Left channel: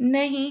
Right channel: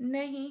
نہیں،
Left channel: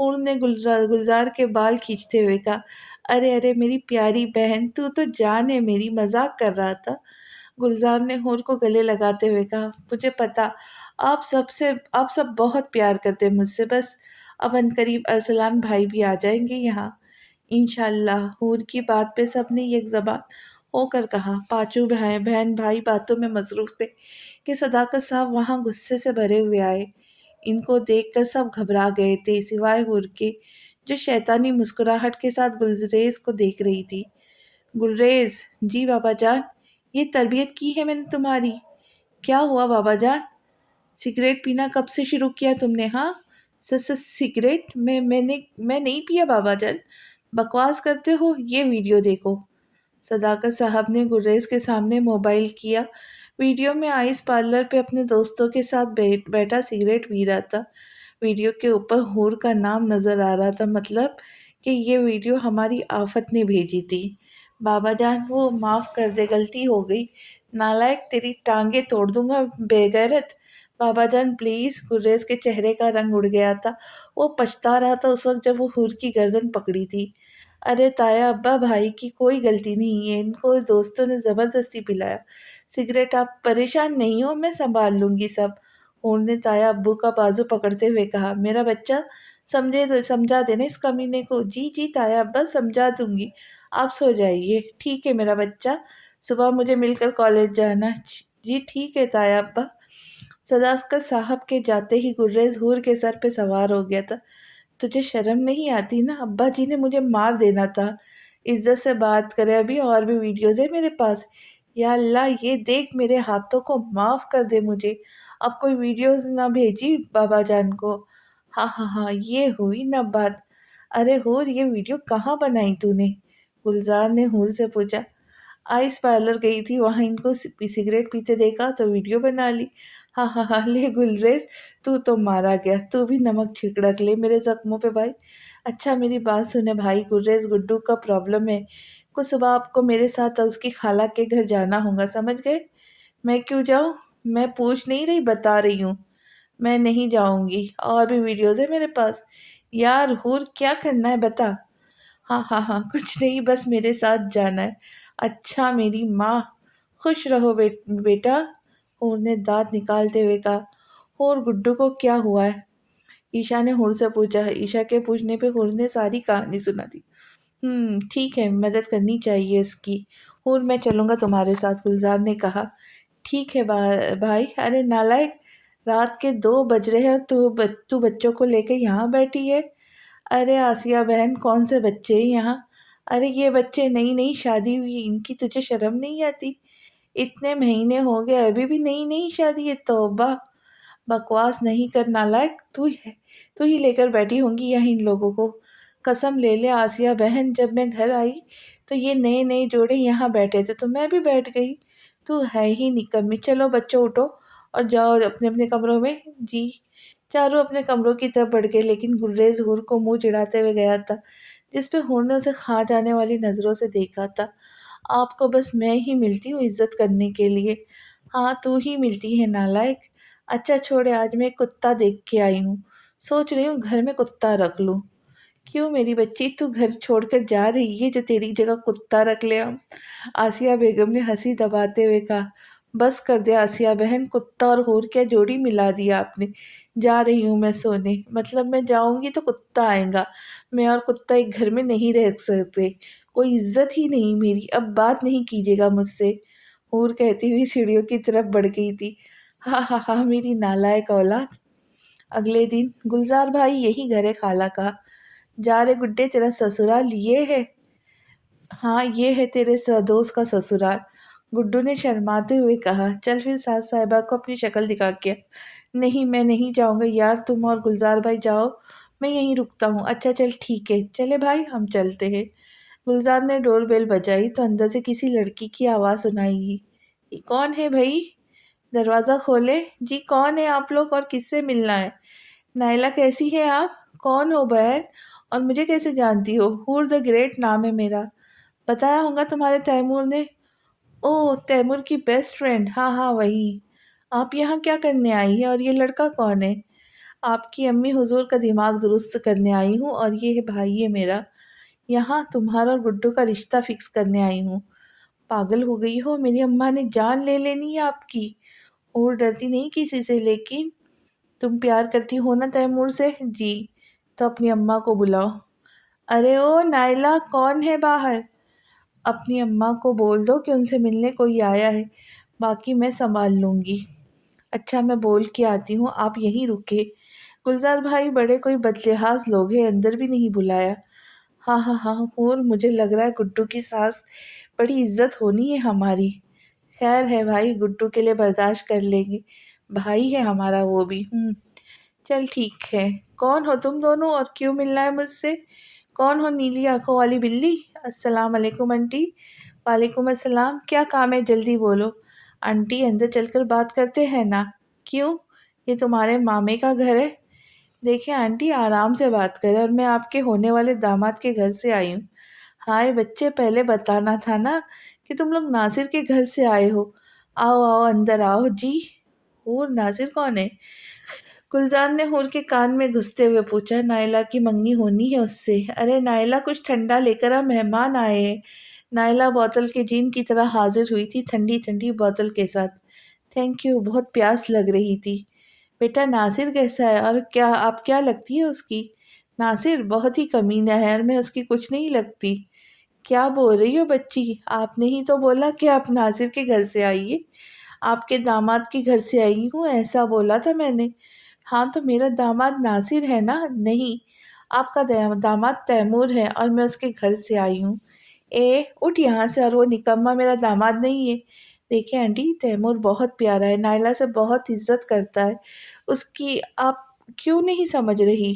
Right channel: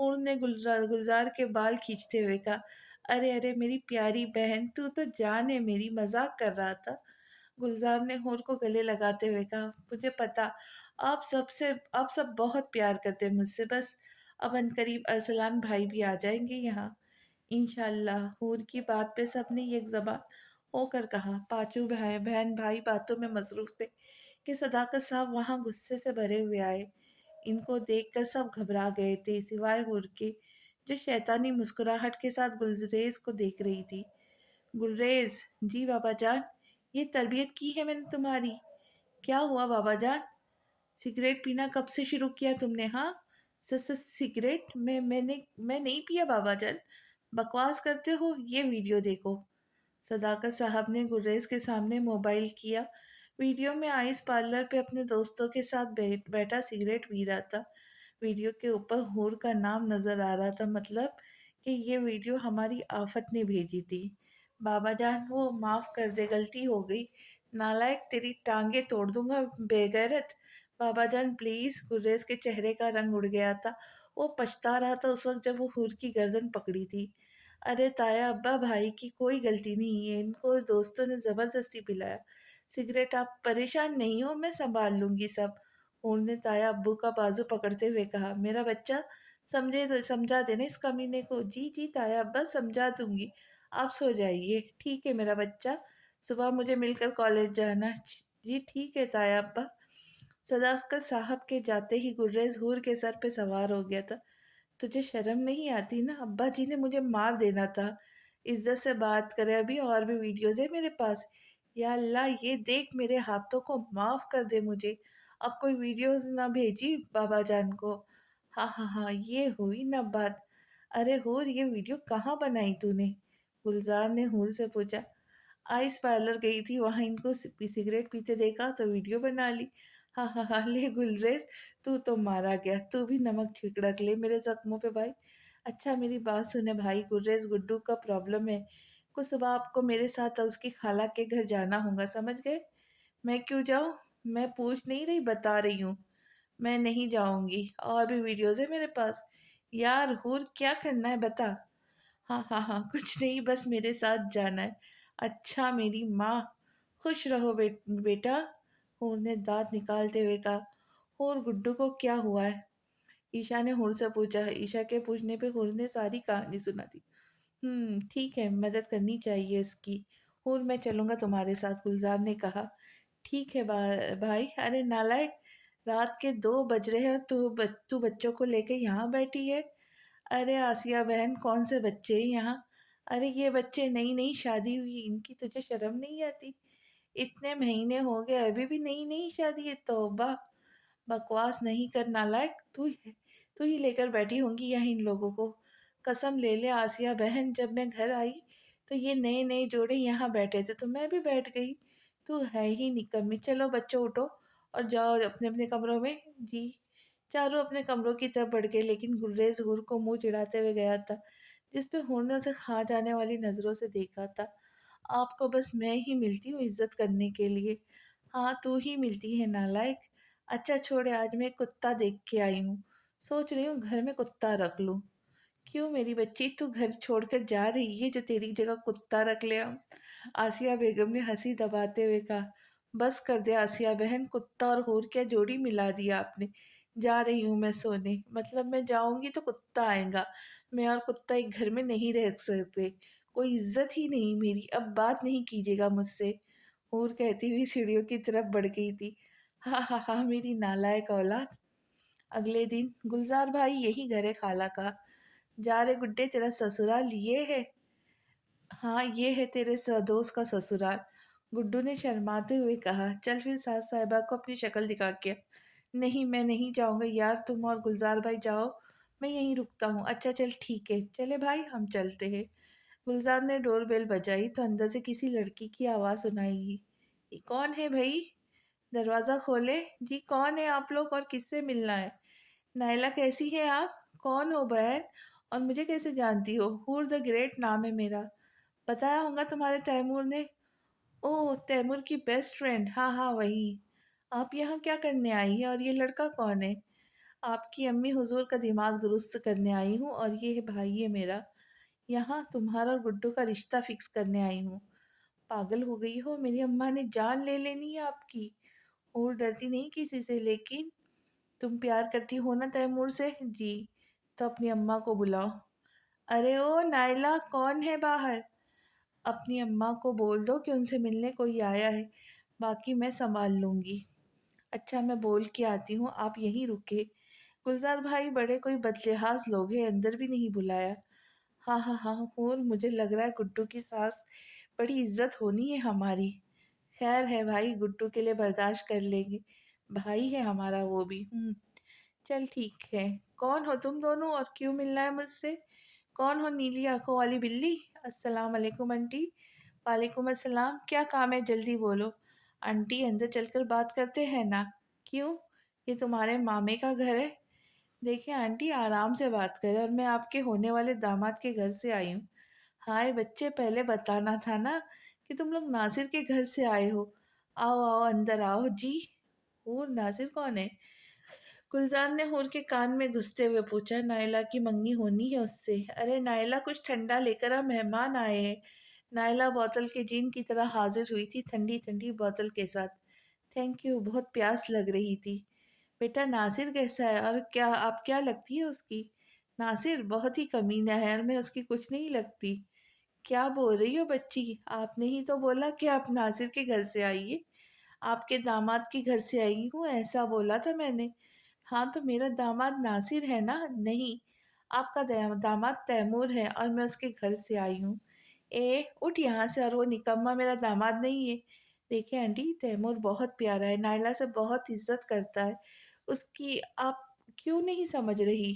ہور نے گلزار کے بال کھینچتے ہوئے کہا، ارے ارے میری پیاری بہن، تو تو جان ہے میری، مذاق کر رہا تھا۔ گلزار نے ہور کو گلے لگاتے ہوئے کہا، مجھے پتا آپ سب بہت پیار کرتے ہیں مجھ سے، بس اب عنقریب ارسلان بھائی بھی آ جائیں گے یہاں انشاءاللہ۔ ہور کی بات پہ سب نے یک زبان ہو کر کہا۔ پانچوں بہن بھائی باتوں میں مصروف تھے کہ صداقت صاحب وہاں غصے سے بھرے ہوئے آئے۔ ان کو دیکھ کر سب گھبرا گئے تھے سوائے ہور کے، جو شیطانی مسکراہٹ کے ساتھ گلریز کو دیکھ رہی تھی۔ گلریز، جی بابا جان، یہ تربیت کی ہے میں نے تمہاری؟ کیا ہوا بابا جان؟ سگریٹ پینا کب سے شروع کیا تم نے؟ ہاں سگریٹ میں نہیں پیا بابا جان، بکواس کرتے ہو، یہ ویڈیو دیکھو۔ صداقت صاحب نے گریز کے سامنے موبائل کیا۔ ویڈیو میں آئس پارلر پہ اپنے دوستوں کے ساتھ بیٹھا سگریٹ پی رہا تھا۔ ویڈیو کے اوپر ہور کا نام نظر آ رہا تھا، مطلب کہ یہ ویڈیو ہماری آفت نے بھیجی تھی۔ بابا جان وہ معاف کر دے، غلطی ہو گئی، نالائق، تیری ٹانگیں توڑ دوں گا بے غیرت۔ بابا جان پلیز۔ گریز کے چہرے کا رنگ اڑ گیا تھا، وہ پچھتا رہا تھا اس وقت جب وہ ہور کی گردن پکڑی تھی۔ ارے تایا ابا، بھائی کی کوئی غلطی نہیں ہے، ان کو دوستوں نے زبردستی پلایا سگریٹ، آپ پریشان نہیں ہو، میں سنبھال لوں گی سب۔ ہور نے تایا ابو کا بازو پکڑتے ہوئے کہا، میرا بچہ سمجھا دینا اس کمینے کو۔ جی جی تایا ابا، سمجھا دوں گی، آپ سو جائیے۔ ٹھیک ہے میرا بچہ، صبح مجھے مل کر کالج جانا۔ جی ٹھیک ہے تایا ابا۔ صداقت صاحب کے جاتے ہی گریز ہور کے سر پہ سوار ہو گیا تھا۔ تجھے شرم نہیں آتی نا؟ ابا جی نے مجھے مار دینا تھا۔ عزت سے بات کرے، ابھی اور بھی ویڈیوز ہیں میرے پاس۔ یا اللہ، یہ دیکھ، میرے ہاتھوں کو معاف کر دے مجھے، اب کوئی ویڈیوز نہ بھیجی بابا جان کو۔ ہاں ہاں ہاں، یہ ہوئی نا بات۔ ارے ہور، یہ ویڈیو کہاں بنائی تو نے؟ گلزار نے ہور سے پوچھا۔ آئس پارلر گئی تھی، وہاں ان کو سگریٹ پیتے دیکھا تو ویڈیو بنا لی۔ ہاں ہاں ہاں، لے گلریز، تو مارا گیا، تو بھی نمک چھڑک لے میرے زخموں پہ بھائی۔ اچھا میری بات سنے بھائی، گریز گڈو کا پرابلم ہے، کل صبح آپ کو میرے ساتھ اس کی خالہ کے گھر جانا ہوگا، سمجھ گئے؟ میں کیوں جاؤں؟ میں پوچھ نہیں رہی، بتا رہی ہوں، میں نہیں جاؤں گی، اور بھی ویڈیوز ہیں میرے پاس۔ یار ہور، کیا کرنا ہے بتا۔ ہاں ہاں ہاں، کچھ نہیں، بس میرے ساتھ جانا ہے۔ اچھا میری ماں، خوش رہو بیٹا، ہور نے دانت نکالتے ہوئے کہا۔ ہور، گڈو کو کیا ہوا ہے؟ عشا نے ہور سے پوچھا۔ عشا کے پوچھنے پہ ہور نے ساری کہانی سنا دی۔ ٹھیک ہے، مدد کرنی چاہیے اس کی۔ ہور، میں چلوں گا تمہارے ساتھ، گلزار نے کہا۔ ٹھیک ہے بھائی۔ ارے نالائق، رات کے 2 بج رہے ہیں اور تو بچوں کو لے کے یہاں بیٹھی ہے۔ ارے آسیہ بہن، کون سے بچے ہیں یہاں؟ ارے یہ بچے نئی نئی شادی ہوئی، ان کی تجھے شرم نہیں آتی؟ اتنے مہینے ہو گئے ابھی بھی نئی شادی ہے، توبہ! بکواس نہیں کر نالائق، تو ہی لے کر بیٹھی ہوں گی یہاں ان لوگوں کو۔ قسم لے لے آسیہ بہن، جب میں گھر آئی تو یہ نئے جوڑے یہاں بیٹھے تھے تو میں بھی بیٹھ گئی، تو ہے ہی نکمی۔ چلو بچوں، اٹھو اور جاؤ اپنے اپنے کمروں میں۔ جی۔ چاروں اپنے کمروں کی طرف بڑھ گئے، لیکن گلریز ہور کو منہ چڑھاتے ہوئے گیا تھا، جس پہ ہور نے اسے کھا جانے والی نظروں سے دیکھا تھا۔ آپ کو بس میں ہی ملتی ہوں عزت کرنے کے لیے۔ ہاں تو ہی ملتی ہے نالائق۔ اچھا چھوڑے، آج میں ایک کتا دیکھ کے آئی ہوں، سوچ رہی ہوں گھر میں کتا رکھ لوں۔ کیوں میری بچی، تو گھر چھوڑ کر جا رہی ہے جو تیری جگہ کتا رکھ لے ہم؟ آسیہ بیگم نے ہنسی دباتے ہوئے کہا۔ بس کر دے آسیہ بہن، کتا اور ہور کیا جوڑی ملا دیا آپ نے۔ جا رہی ہوں میں سونے، مطلب میں جاؤں گی تو کتا آئے گا، میں اور کتا ایک گھر میں نہیں رہ سکتے، کوئی عزت ہی نہیں میری، اب بات نہیں کیجیے گا مجھ سے، ہور کہتی ہوئی سیڑھیوں کی طرف بڑھ گئی تھی۔ ہاں ہاں ہاں، میری نالائق اولاد۔ اگلے دن، گلزار بھائی، یہی گھر ہے خالہ کا۔ جا رے گڈے، تیرا سسرال یہ ہے؟ ہاں یہ ہے تیرے دوست کا سسرال، گڈو نے شرماتے ہوئے کہا۔ چل پھر ساس صاحبہ کو اپنی شکل دکھا کے۔ نہیں میں نہیں جاؤں گا یار، تم اور گلزار بھائی جاؤ، میں یہیں رکتا ہوں۔ اچھا چل ٹھیک ہے، چلے بھائی ہم چلتے ہیں۔ گلزار نے ڈور بیل بجائی تو اندر سے کسی لڑکی کی آواز سنائی دی۔ یہ کون ہے بھائی؟ دروازہ کھولے۔ جی کون ہے آپ لوگ اور کس سے ملنا ہے؟ نائلہ کیسی ہے آپ؟ کون ہو بہن، اور مجھے کیسے جانتی ہو؟ ہور دا گریٹ نام ہے میرا، بتایا ہوگا تمہارے تیمور نے۔ اوہ تیمور کی بیسٹ فرینڈ، ہاں ہاں وہی۔ آپ یہاں کیا کرنے آئی ہے اور یہ لڑکا کون ہے؟ آپ کی امی حضور کا دماغ درست کرنے آئی ہوں، اور یہ ہے بھائی ہے میرا، یہاں تمہارا اور گڈو کا رشتہ فکس کرنے آئی ہوں۔ پاگل ہو گئی ہو، میری اماں نے جان لے لینی ہے آپ کی۔ اور ڈرتی نہیں کسی سے، لیکن تم پیار کرتی ہو نا تیمور سے؟ جی۔ تو اپنی اماں کو بلاؤ۔ ارے او نائلہ، کون ہے باہر؟ اپنی اماں کو بول دو کہ ان سے ملنے کوئی آیا ہے، باقی میں سنبھال لوں گی۔ اچھا میں بول کے آتی ہوں، آپ یہیں رکے۔ گلزار بھائی بڑے کوئی بدلحاظ لوگ ہیں، اندر بھی نہیں بلایا۔ ہاں ہاں ہاں، اور مجھے لگ رہا ہے گڈو کی ساس بڑی عزت ہونی ہے ہماری۔ خیر ہے بھائی، گڈو کے لیے برداشت کر لیں گے، بھائی ہے ہمارا وہ بھی۔ چل ٹھیک ہے۔ کون ہو تم دونوں اور کیوں ملنا ہے مجھ سے؟ کون ہو نیلی آنکھوں والی بلی؟ السلام علیکم انٹی۔ وعلیکم السلام، کیا کام ہے جلدی بولو۔ انٹی اندر چل کر بات کرتے ہیں نا۔ کیوں؟ یہ تمہارے مامے کا گھر ہے؟ دیکھیں آنٹی، آرام سے بات کریں، اور میں آپ کے ہونے والے داماد کے گھر سے آئی ہوں۔ ہائے بچے، پہلے بتانا تھا نا کہ تم لوگ ناصر کے گھر سے آئے ہو۔ آؤ آؤ اندر آؤ جی۔ اور ناصر کون ہے؟ گلزار نے حور کے کان میں گھستے ہوئے پوچھا۔ نائلہ کی منگنی ہونی ہے اس سے۔ ارے نائلہ کچھ ٹھنڈا لے کر آ، مہمان آئے ہیں۔ نائلہ بوتل کے جین کی طرح حاضر ہوئی تھی، ٹھنڈی ٹھنڈی بوتل کے ساتھ۔ تھینک یو، بہت پیاس لگ رہی تھی۔ بیٹا ناصر کیسا ہے، اور کیا آپ کیا لگتی ہے اس کی؟ ناصر بہت ہی کمینہ ہے، اور میں اس کی کچھ نہیں لگتی۔ کیا بول رہی ہو بچی؟ آپ نے ہی تو بولا کہ آپ ناصر کے گھر سے آئیے۔ آپ کے داماد کے گھر سے آئی ہوں، ایسا بولا تھا میں نے۔ ہاں تو میرا داماد ناصر ہے نا؟ نہیں، آپ کا داماد تیمور ہے، اور میں اس کے گھر سے آئی ہوں۔ اے اٹھ یہاں سے، اور وہ نکما میرا داماد نہیں ہے۔ دیکھیں آنٹی، تیمور بہت پیارا ہے، نائلہ سے بہت عزت کرتا ہے اس کی، آپ کیوں نہیں سمجھ رہی؟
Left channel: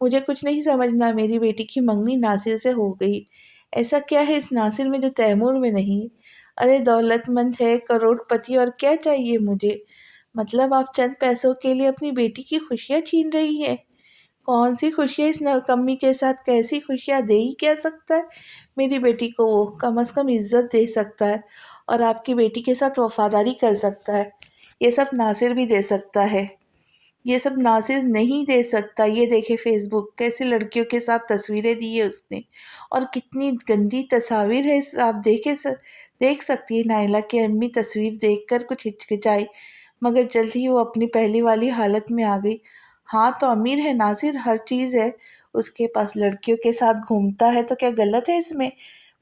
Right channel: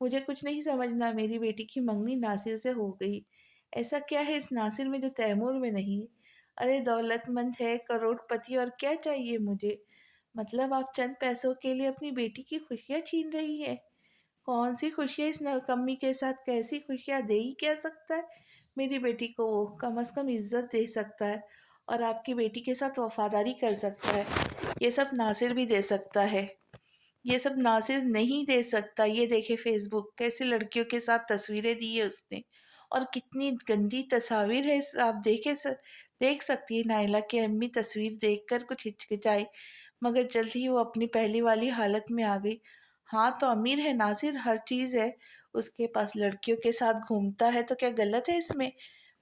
مجھے کچھ نہیں سمجھنا، میری بیٹی کی منگنی ناصر سے ہو گئی۔ ایسا کیا ہے اس ناصر میں جو تیمور میں نہیں؟ ارے دولت مند ہے، کروڑ پتی، اور کیا چاہیے مجھے؟ مطلب آپ چند پیسوں کے لیے اپنی بیٹی کی خوشیاں چھین رہی ہیں؟ کون سی خوشیاں اس نکمی کے ساتھ؟ کیسی خوشیاں دے ہی کیا سکتا ہے میری بیٹی کو؟ وہ کم از کم عزت دے سکتا ہے، اور آپ کی بیٹی کے ساتھ وفاداری کر سکتا ہے۔ یہ سب ناصر بھی دے سکتا ہے۔ یہ سب ناصر نہیں دے سکتا۔ یہ دیکھے فیس بک، کیسے لڑکیوں کے ساتھ تصویریں دی ہے اس نے، اور کتنی گندی تصاویر ہے۔ آپ دیکھ سکتی ہے نائلہ کی امی تصویر دیکھ کر کچھ ہچکچائی، مگر جلد ہی وہ اپنی پہلی والی حالت میں آ گئی۔ ہاں تو امیر ہے ناصر، ہر چیز ہے اس کے پاس، لڑکیوں کے ساتھ گھومتا ہے، تو کیا غلط ہے اس میں؟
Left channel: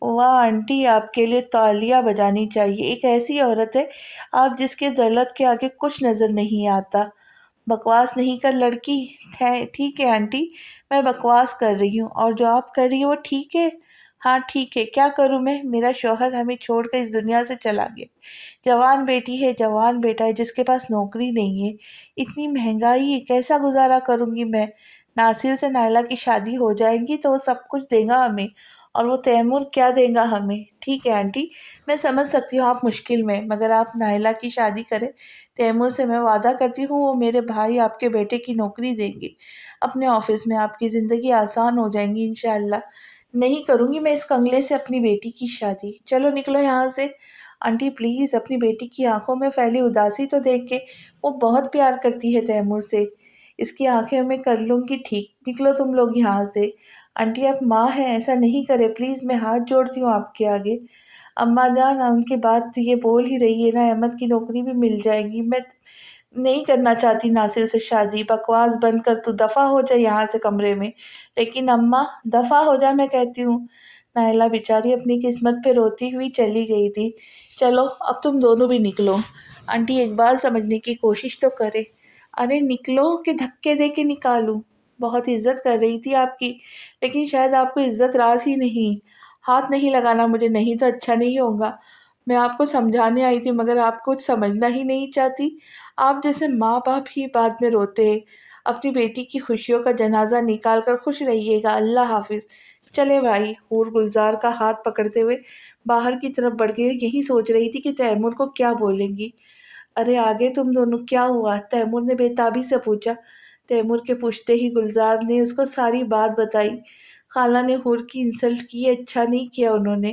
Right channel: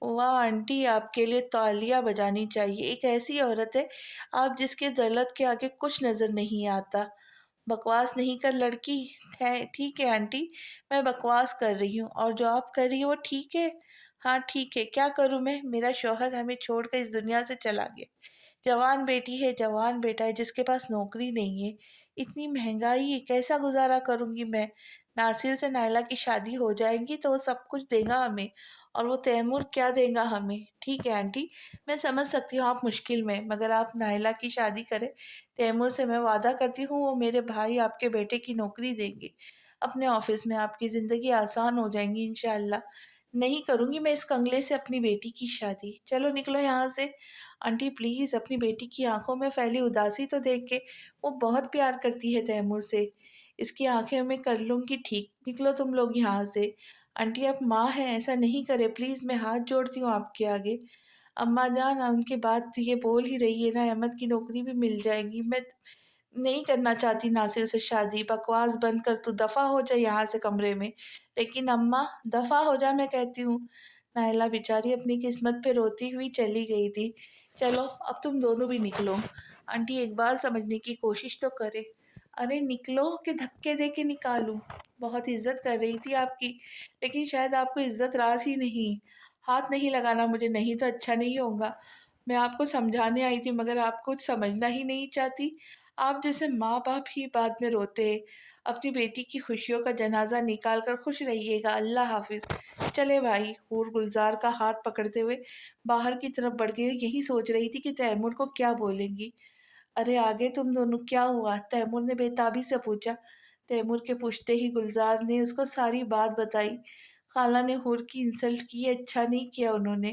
واہ آنٹی، آپ کے لیے تالیاں بجانی چاہیے۔ ایک ایسی عورت ہے آپ جس کے دولت کے آگے کچھ نظر نہیں آتا۔ بکواس نہیں کر لڑکی۔ ٹھیک ہے آنٹی، میں بکواس کر رہی ہوں، اور جو آپ کر رہی ہو وہ ٹھیک ہے؟ ہاں ٹھیک ہے، کیا کروں میں؟ میرا شوہر ہمیں چھوڑ کر اس دنیا سے چلا گیا۔ جوان بیٹی ہے، جوان بیٹا ہے، جس کے پاس نوکری نہیں ہے۔ اتنی مہنگائی ہے، کیسا گزارا کروں گی میں؟ ناصر سے نائلہ کی شادی ہو جائے گی تو وہ سب کچھ دے گا ہمیں، اور وہ تیمور کیا دے گا ہمیں؟ ٹھیک ہے آنٹی، میں سمجھ سکتی ہوں آپ مشکل میں، مگر آپ نائلہ کی شادی کریں تیمور سے، میں وعدہ کرتی ہوں وہ میرے بھائی آپ کے بیٹے کی نوکری دیں گے اپنے آفس میں، آپ کی زندگی آسان ہو جائیں گی انشاءاللہ۔ نہیں کروں گی میں اس کنگلے سے اپنی بیٹی کی شادی۔ چلو نکلو یہاں سے۔ آنٹی پلیز، اپنی بیٹی کی آنکھوں میں پھیلی اداسی تو دیکھ کے، وہ بہت پیار کرتی ہے تیمور سے، اس کی آنکھیں میں کر لوں گی ٹھیک۔ نکلو تم لوگ یہاں سے۔ آنٹی آپ ماں ہیں، ایسا نہیں کرے پلیز، میں ہاتھ جوڑتی ہوں آپ کے آگے۔ اماں جان، ان کے بعد یہ بول ہی رہی ہے نا، احمد کی نوکری بھی مل جائے گی۔ میں نہیں کرنا چاہتی ناصر سے شادی، بکواس بند کر، تو دفع ہو جائے یہاں سے کمرے میں۔ لیکن اماں، دفع ہو جائے میں کہتی ہوں۔ نائلہ بیچاری اپنی قسمت پہ روتی ہوئی چلی گئی تھی۔ چلو اب تم دونوں بھی نکلو۔ آنٹی ایک بار سمجھنے کی کوشش تو کرے۔ ارے نکلو کہ دھکے دے کے نکالوں؟ بہت عزت کر رہی تھی آپ کی، لیکن شاید آپ کو عزت راز ہی نہیں۔ ہاتھ نہیں لگانا مجھے، نہیں تو اچھا نہیں ہوگا۔ میں آپ کو سمجھانے آئی تھی، مگر آپ کچھ سمجھنا ہی نہیں چاہتی۔ آپ جیسے ماں باپ ہی بعد میں روتے ہیں۔ اپنی بیٹی کی خوشیوں کا جنازہ نکال کر خوش رہیے گا۔ اللہ حافظ۔ چلے بھائی۔ حور گلزار کا ہاتھ پکڑتے ہوئے باہر کی طرف بڑھ گئی، یہی سوچ رہی تھی کہ تیمور کو کیا بولیں گی۔ ارے آگے تم دونوں کیا ہوا؟ تیمور نے بےتابی سے پوچھا۔ تیمور کے پوچھتے ہی گلزار نے اس کو ساری بات بتائی۔ خالہ نے حور کی انسلٹ کی، اچھا نہیں کیا انہوں نے۔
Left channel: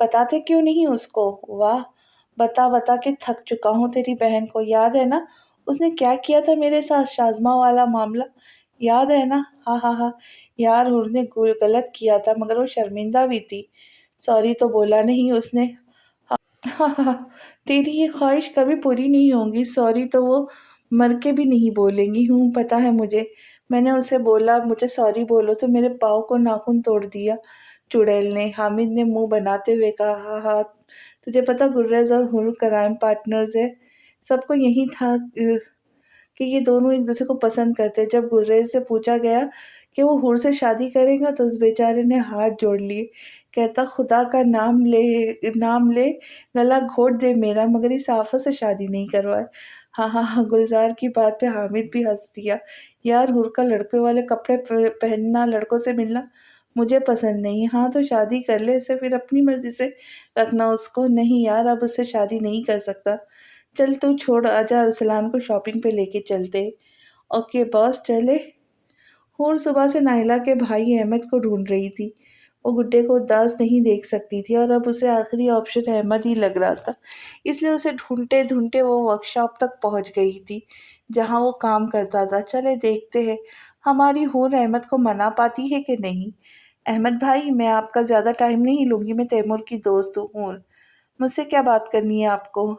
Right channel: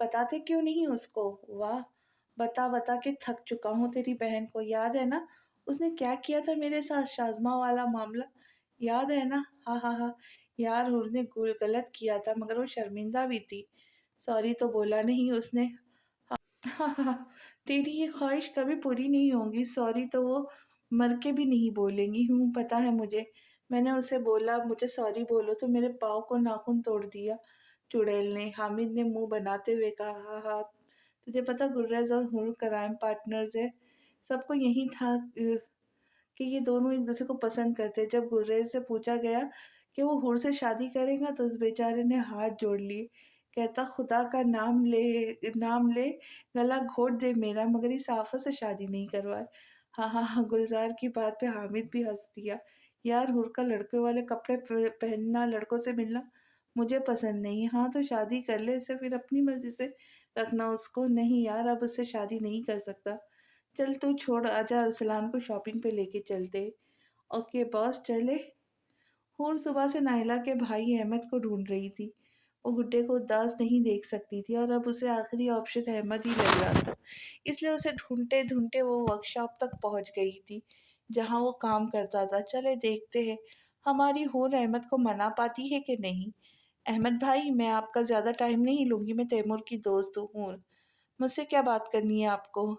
بتاتے کیوں نہیں اس کو؟ واہ، بتا بتا کے تھک چکا ہوں تیری بہن کو، یاد ہے نا اس نے کیا کیا تھا میرے ساتھ، شازمہ والا معاملہ، یاد ہے نا؟ ہاں ہاں ہاں، یار ہور نے غلط کیا تھا مگر وہ شرمندہ بھی تھی، سوری تو بولا نہیں اس نے۔ ہاں ہاں، تیری یہ خواہش کبھی پوری نہیں ہوگی، سوری تو وہ مر کے بھی نہیں بولیں گی، ہوں پتا ہے مجھے، میں نے اسے بولا مجھے سوری بولو تو میرے پاؤں کو ناخن توڑ دیا چڑیل نے۔ حامد نے منہ بناتے ہوئے کہا، ہاں ہاں، تجھے پتا گریز اور ہر کرائم پارٹنرز ہے، سب کو یہی تھا کہ یہ دونوں ایک دوسرے کو پسند کرتے۔ جب گریز سے پوچھا گیا کہ وہ ہور سے شادی کرے گا تو اس بیچارے نے ہاتھ جوڑ لیے، کہتا خدا کا نام لے گلا گھونٹ دے میرا، مگر اس آفت سے شادی نہیں کروائے۔ ہاں ہاں ہاں، گلزار کی بات پہ حامد بھی ہنس دیا۔ یار ہور کا لڑکے والے کپڑے پہننا، لڑکوں سے ملنا مجھے پسند نہیں۔ ہاں تو شادی کر لے اسے، پھر اپنی مرضی سے رکھنا اس کو۔ نہیں یار، اب اس سے شادی نہیں کر سکتا۔ چل تو چھوڑ، آجا ارسلان کو شاپنگ پہ لے کے چلتے۔ اوکے باس، چلے۔ ہور صبح سے نائلہ کے بھائی احمد کو ڈھونڈ رہی تھی، وہ گڈے کو اداس نہیں دیکھ سکتی تھی اور اب اسے آخری آپشن احمد ہی لگ رہا تھا، اس لیے اسے ڈھونڈتے ڈھونڈتے وہ ورکشاپ تک پہنچ گئی تھی جہاں وہ کام کرتا تھا۔ چلے دیکھتے ہیں ہماری ہور احمد کو منا پاتی ہے کہ نہیں۔ احمد بھائی، میں آپ کا زیادہ ٹائم نہیں لوں گی، میں تیمور کی دوست ہوں۔ مجھ سے کیا بات کرنی ہے آپ کو؟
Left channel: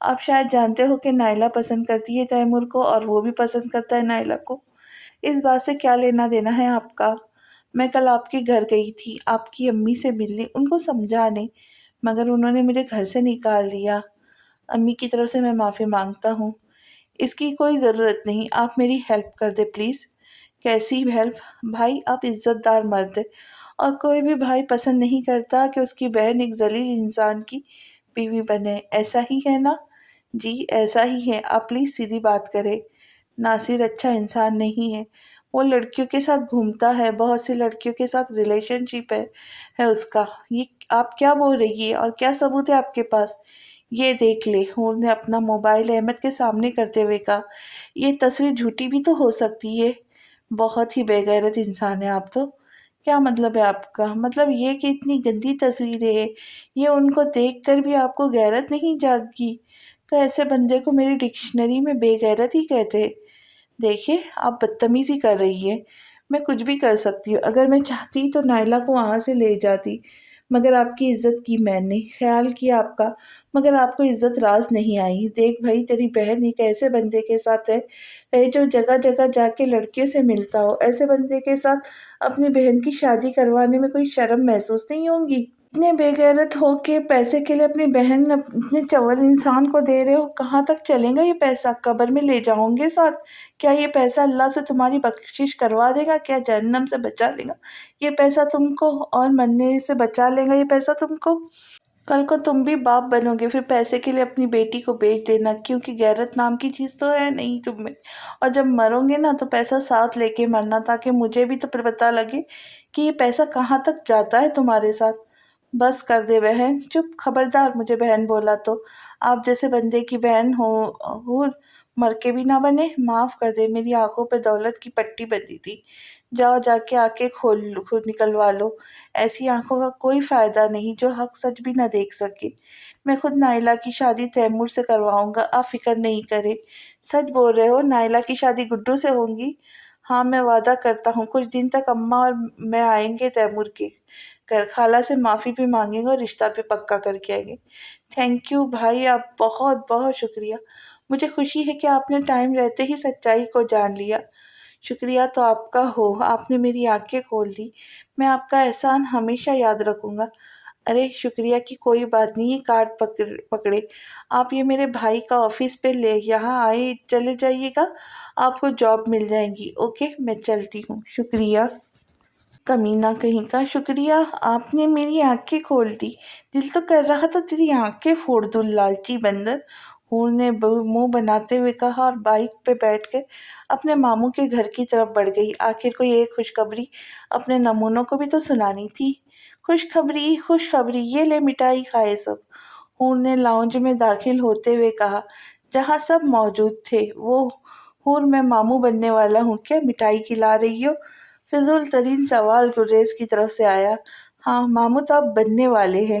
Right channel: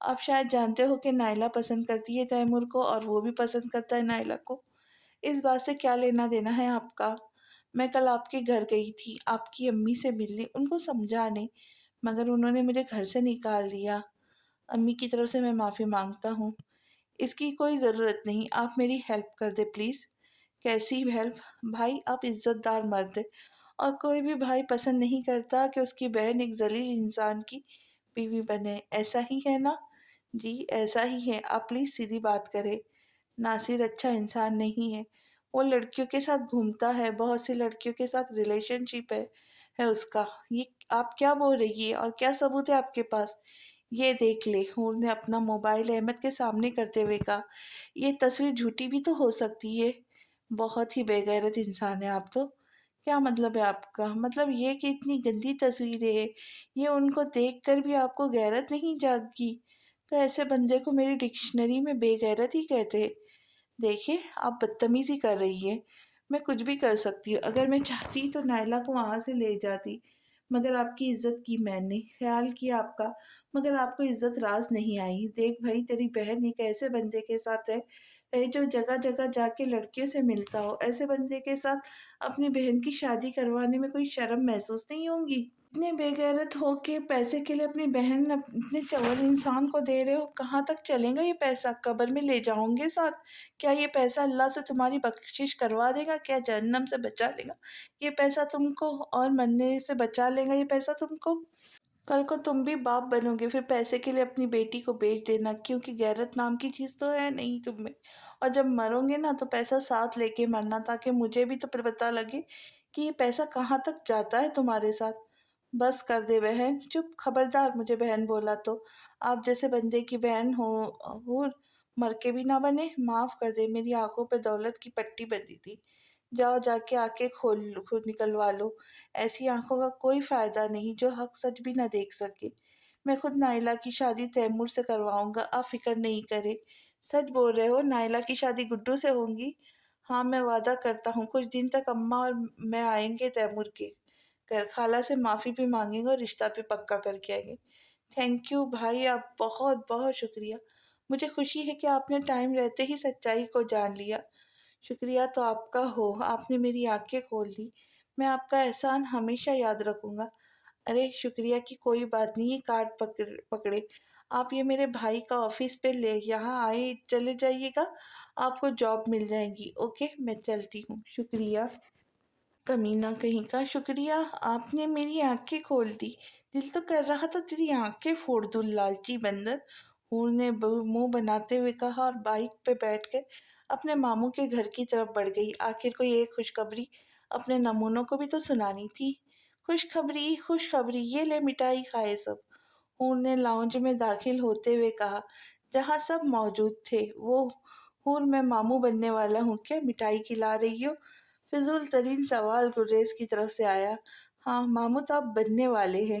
آپ شاید جانتے ہو کہ نائلہ پسند کرتی ہے تیمور کو اور وہ بھی پسند کرتا ہے نائلہ کو، اس بات سے کیا لینا دینا ہے آپ کا؟ میں کل آپ کے گھر گئی تھی آپ کی امی سے ملنے، ان کو سمجھانے، مگر انہوں نے مجھے گھر سے نکال دیا۔ امی کی طرف سے میں معافی مانگتا ہوں، اس کی کوئی ضرورت نہیں، آپ میری ہیلپ کر دے پلیز۔ کیسی ہیلپ؟ بھائی آپ عزت دار مرد ہے اور کوئی بھی بھائی پسند نہیں کرتا کہ اس کی بہن ایک ذلیل انسان کی بیوی بنے، ایسا ہی ہے نا؟ جی ایسا ہی ہے، آپ پلیز سیدھی بات کریں۔ ناصر اچھا انسان نہیں ہے، وہ لڑکیوں کے ساتھ گھومتا ہے، بہت سی لڑکیوں کے ساتھ ریلیشن شپ ہے اس کا۔ یہ آپ کیا بول رہی ہے اور کیا ثبوت ہے آپ کے پاس؟ یہ دیکھ لے، ہور نے اپنا موبائل احمد کے سامنے کرتے ہوئے کہا، یہ تصویر جھوٹی بھی تو ہو سکتی ہے۔ بہت ہی بے غیرت انسان ہے آپ تو۔ کیا مطلب ہے آپ کا؟ مطلب یہ کہ اتنی گندی تصویریں ہیں، یہ ان کو دیکھ کر بھی آپ کو غیرت نہیں جاگی؟ تو ایسے بندے کو میری ڈکشنری میں بے غیرت ہی کہتے۔ دیکھیے آپ بدتمیزی کر رہی ہے، میں کچھ بھی کر سکتی ہوں، اگر میں چاہتی تو نائلہ کو وہاں سے لے جاتی، مگر آپ کی عزت کی میں نے، خیال کیا آپ کا، مگر آپ کو عزت راز نہیں آئی۔ دیکھ بھائی، تیری بہن ایک ایسے بندے کے ساتھ ہے جو جگہ جگہ جا کے لڑکیوں سے ملتا ہو، ایسے بندے کے ساتھ اپنی بہن کی شادی کروانے میں کوئی شرم محسوس نہیں ہوگی؟ اتنے بے غیرت ہو کے پیسے کے لیے اپنی بہن اتنے چول انسان کو دے رہے ہو، کہاں تک چلے گا یہ پیسہ؟ قبر میں لے جاؤں گے ساتھ؟ کیا یہ پیسہ اللہ سے تمہاری بخشش کروا دے گا؟ کیا جہنم سے بچا لے گا یہ پیسہ تم کو، اور مرنے سے بچا لے گا یہ پیسہ تم کو؟ کل کو تم بھی باپ بنو گے، پھر پیسے کے لیے اپنی بیٹی کو بیچ دینا، کیونکہ غیرت نام کی چیز تو ہے نہیں تم میں، اور جب مرو گے نا تو پیسہ ساتھ لے کے مرنا، تاکہ مجھے بھی تو پھر پتہ لگے کہ یہ پیسہ کہاں تک جاتا ہے تمہارے ساتھ۔ بس کر دے بہن، چپ، خبردار مجھے بہن بولا تو آپ جیسے بندے کی بہن ہو مر کے بھی نہ بنے۔ معاف کر دے، میری آنکھوں پہ دولت کی پٹی بندھی تھی، جاؤ جا کے آنکھیں کھول نکلوا لو، ایسی آنکھوں کا کوئی فائدہ نہیں جو حق سچ بھی نہ دیکھ سکے۔ میں خود نائلہ کی شادی تیمور سے کرواؤں گا، آپ فکر نہیں کرے۔ سچ بول رہے ہو؟ نائلہ کی شادی گڈو سے ہوگی؟ ہاں میں وعدہ کرتا ہوں، کچھ دن تک اماں اور میں آئیں گے تیمور کے گھر، خالہ سے معافی بھی مانگیں گے اور رشتہ بھی پکا کر کے آئیں گے۔ تھینک یو بھائی، آپ بہت بہت شکریہ، مجھے خوشی ہے کہ آپ نے ٹائم رہتے ہی سچائی کو جان لیا۔ شکریہ تو آپ کا ہو، آپ نے میری آنکھیں کھول دی، میں آپ کا احسان ہمیشہ یاد رکھوں گا۔ ارے شکریہ کی کوئی بات نہیں، یہ کارڈ پکڑے، آپ یہ میرے بھائی کا آفس پہ لے یہاں آئے چلے جائیے گا، آپ کو جاب مل جائے گی۔ اوکے میں چلتی ہوں، شکریہ۔ کمینہ کہیں کا، شکریہ، آپ نے میری آنکھیں کھول دی، دل تو کر رہا تھا تیری آنکھیں پھوڑ دوں، لالچی بندر، ہور نے منہ بناتے ہوئے کہا اور بائک پہ بیٹھ کر اپنے ماموں کے گھر کی طرف بڑھ گئی۔ آخر کوئی ایک خوشخبری اپنے نمونوں کو بھی تو سنانی تھی۔ خوشخبری خوشخبری، یہ لے مٹائی کھائے سب، ہور نے لاؤنج میں داخل ہوتے ہوئے کہا جہاں سب موجود تھے۔ وہ ہور، میں ماموں بننے والا ہوں کیا؟ مٹائی کھلا رہی ہو؟ فضول ترین سوال گریز کی طرف سے آیا۔ ہاں ماموں تو آپ بننے والے ہیں،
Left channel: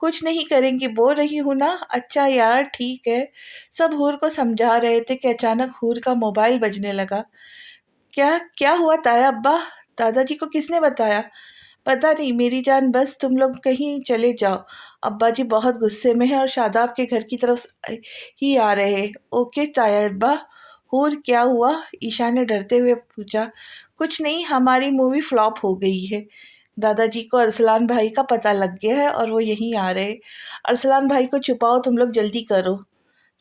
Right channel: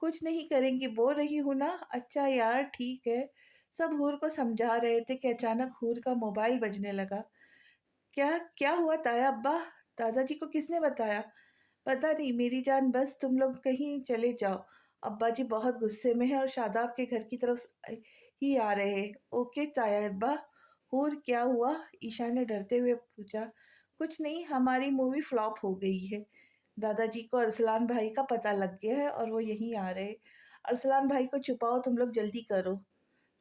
کچھ نہیں کریں گی، بول رہی ہوں نا۔ اچھا یار ٹھیک ہے۔ سب حور کو سمجھا رہے تھے کہ اچانک حور کا موبائل بجنے لگا۔ کیا کیا ہوا تایا ابا؟ دادا جی کو کس نے بتایا؟ پتا نہیں میری جان، بس تم لوگ کہیں چلے جاؤ، ابا جی بہت غصے میں ہیں اور شاداب کے گھر کی طرف ہی آ رہے ہیں۔ اوکے تایا ابا۔ حور کیا ہوا؟ ایشا نے ڈرتے ہوئے پوچھا۔ کچھ نہیں، ہماری مووی فلاپ ہو گئی ہے۔ دادا جی کو ارسلان بھائی کا پتہ لگ گیا ہے اور وہ یہیں آ رہے۔ ارسلان بھائی کو چھپاؤ، تم لوگ جلدی کرو۔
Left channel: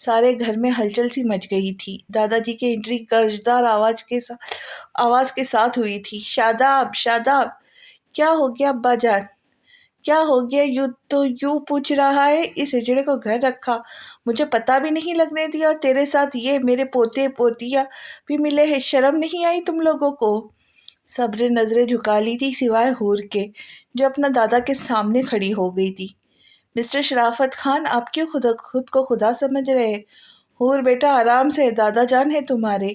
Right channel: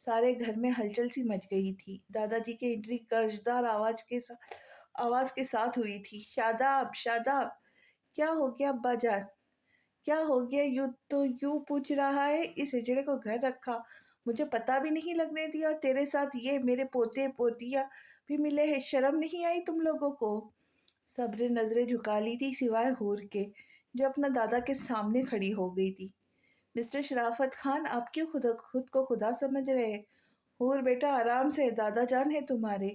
سارے گھر میں ہلچل سی مچ گئی تھی۔ دادا جی کی انٹری گرجدار آواز کے ساتھ ہوئی تھی۔ شاداب شاداب! کیا ہو گیا ابا جان؟ کیا ہو گیا؟ یوں پوچھ رہا ہے، اس ہجڑے کو گھر رکھا، مجھے پتہ بھی نہیں لگنے دیا، اور تیرے ساتھ یہ میرے پوتے پوتیا بھی ملے ہیں، شرم نہیں آئی تم لوگوں کو؟ سب نے نظریں جھکا لی تھی سوائے حور کے، جو اپنا دادا کے سامنے کھڑی ہو گئی تھی۔ مسٹر شرافت خان، آپ کیوں خود کو خدا سمجھ رہے ہیں؟ حور بیٹا آرام سے، دادا جان ہے تمہارے۔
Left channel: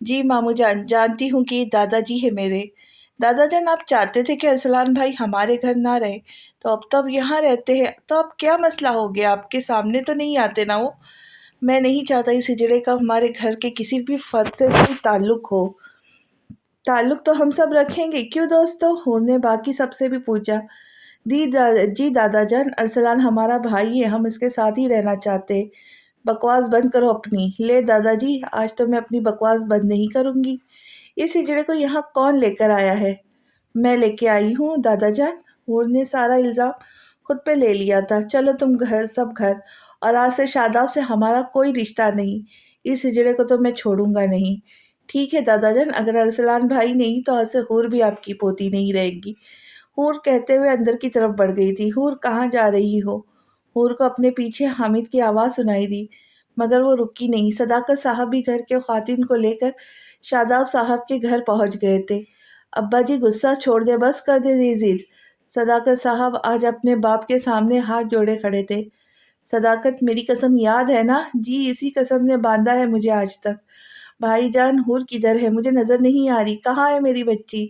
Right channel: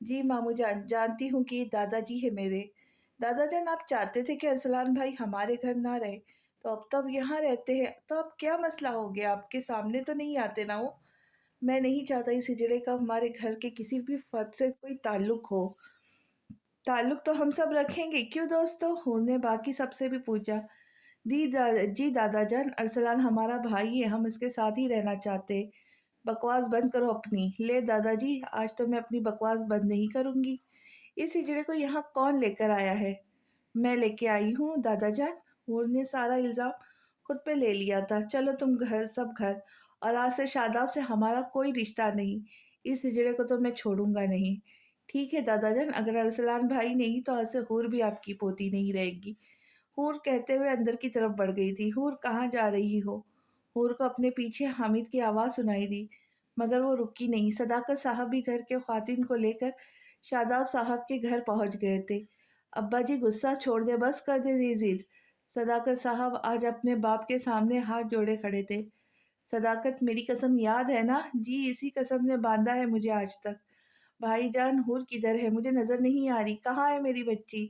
جی مامو جان، جانتی ہوں کہ دادا جی ہے میرے۔ دادا جان آپ چاہتے تھے کہ ارسلان بھائی ہمارے گھر نہ رہے، تو اب یہاں رہتے ہیں، تو اب کیا مسئلہ ہو گیا؟ آپ کے سامنے تو نہیں آتے نا وہ؟ میں نہیں چاہتا اس ہجڑے کا ہمارے گھر کے کسی بھی فرد سے کوئی تعلق ہو۔ تعلق تو ہم سب رکھیں گے، کیوں دوستو؟ حور نے باقی سب سے بھی پوچھا۔ جی دادا جان، ارسلان ہمارا بھائی ہے، ہم اس کے ساتھ ہی رہنا چاہتے ہیں۔ بکواس بند کرو اپنی۔ لے دادا جی، آج تو میں اپنی بکواس بند نہیں کروں گی۔ اس ہجڑے کو یہاں کون لے کر آیا ہے؟ میں لے کے آئی ہوں دادا جان۔ حور نے سارا الزام خود پہ لے لیا تھا۔ چلو تم گھر، اور آج سے شاداب سے ہمارا کوئی رشتہ نہیں۔ اس ہجڑے کو تو میں چھوڑوں گا نہیں۔ ٹھیک ہے دادا جان، اگر ارسلان بھائی نہیں تو آج سے حور بھی آپ کی پوتی نہیں رہے گی۔ حور کہتے ہوئے اندر کی طرف بڑھ گئی تھی۔ حور کہاں جا رہی ہو؟ حور کو اپنے پیچھے حامد کی آواز سنائی دی، مگر وہ رکی نہیں۔ صداقت صاحب بھی گھر کے خواتین کو لے کر شاداب صاحب کے گھر پہنچ گئے تھے۔ ابا جی غصہ چھوڑ دے، بس کر دے یہ ضد۔ صداقت صاحب آج اپنے باپ کے سامنے ہاتھ جوڑے کھڑے تھے۔ صداقت، میری قسم یاد ہے نا؟ جی، اسی قسم نے باندھا ہے مجھے آج تک۔ بھائی جان، حور کدھر ہے؟ مجھے نظر نہیں آ رہی، کہاں ہے میری بچی؟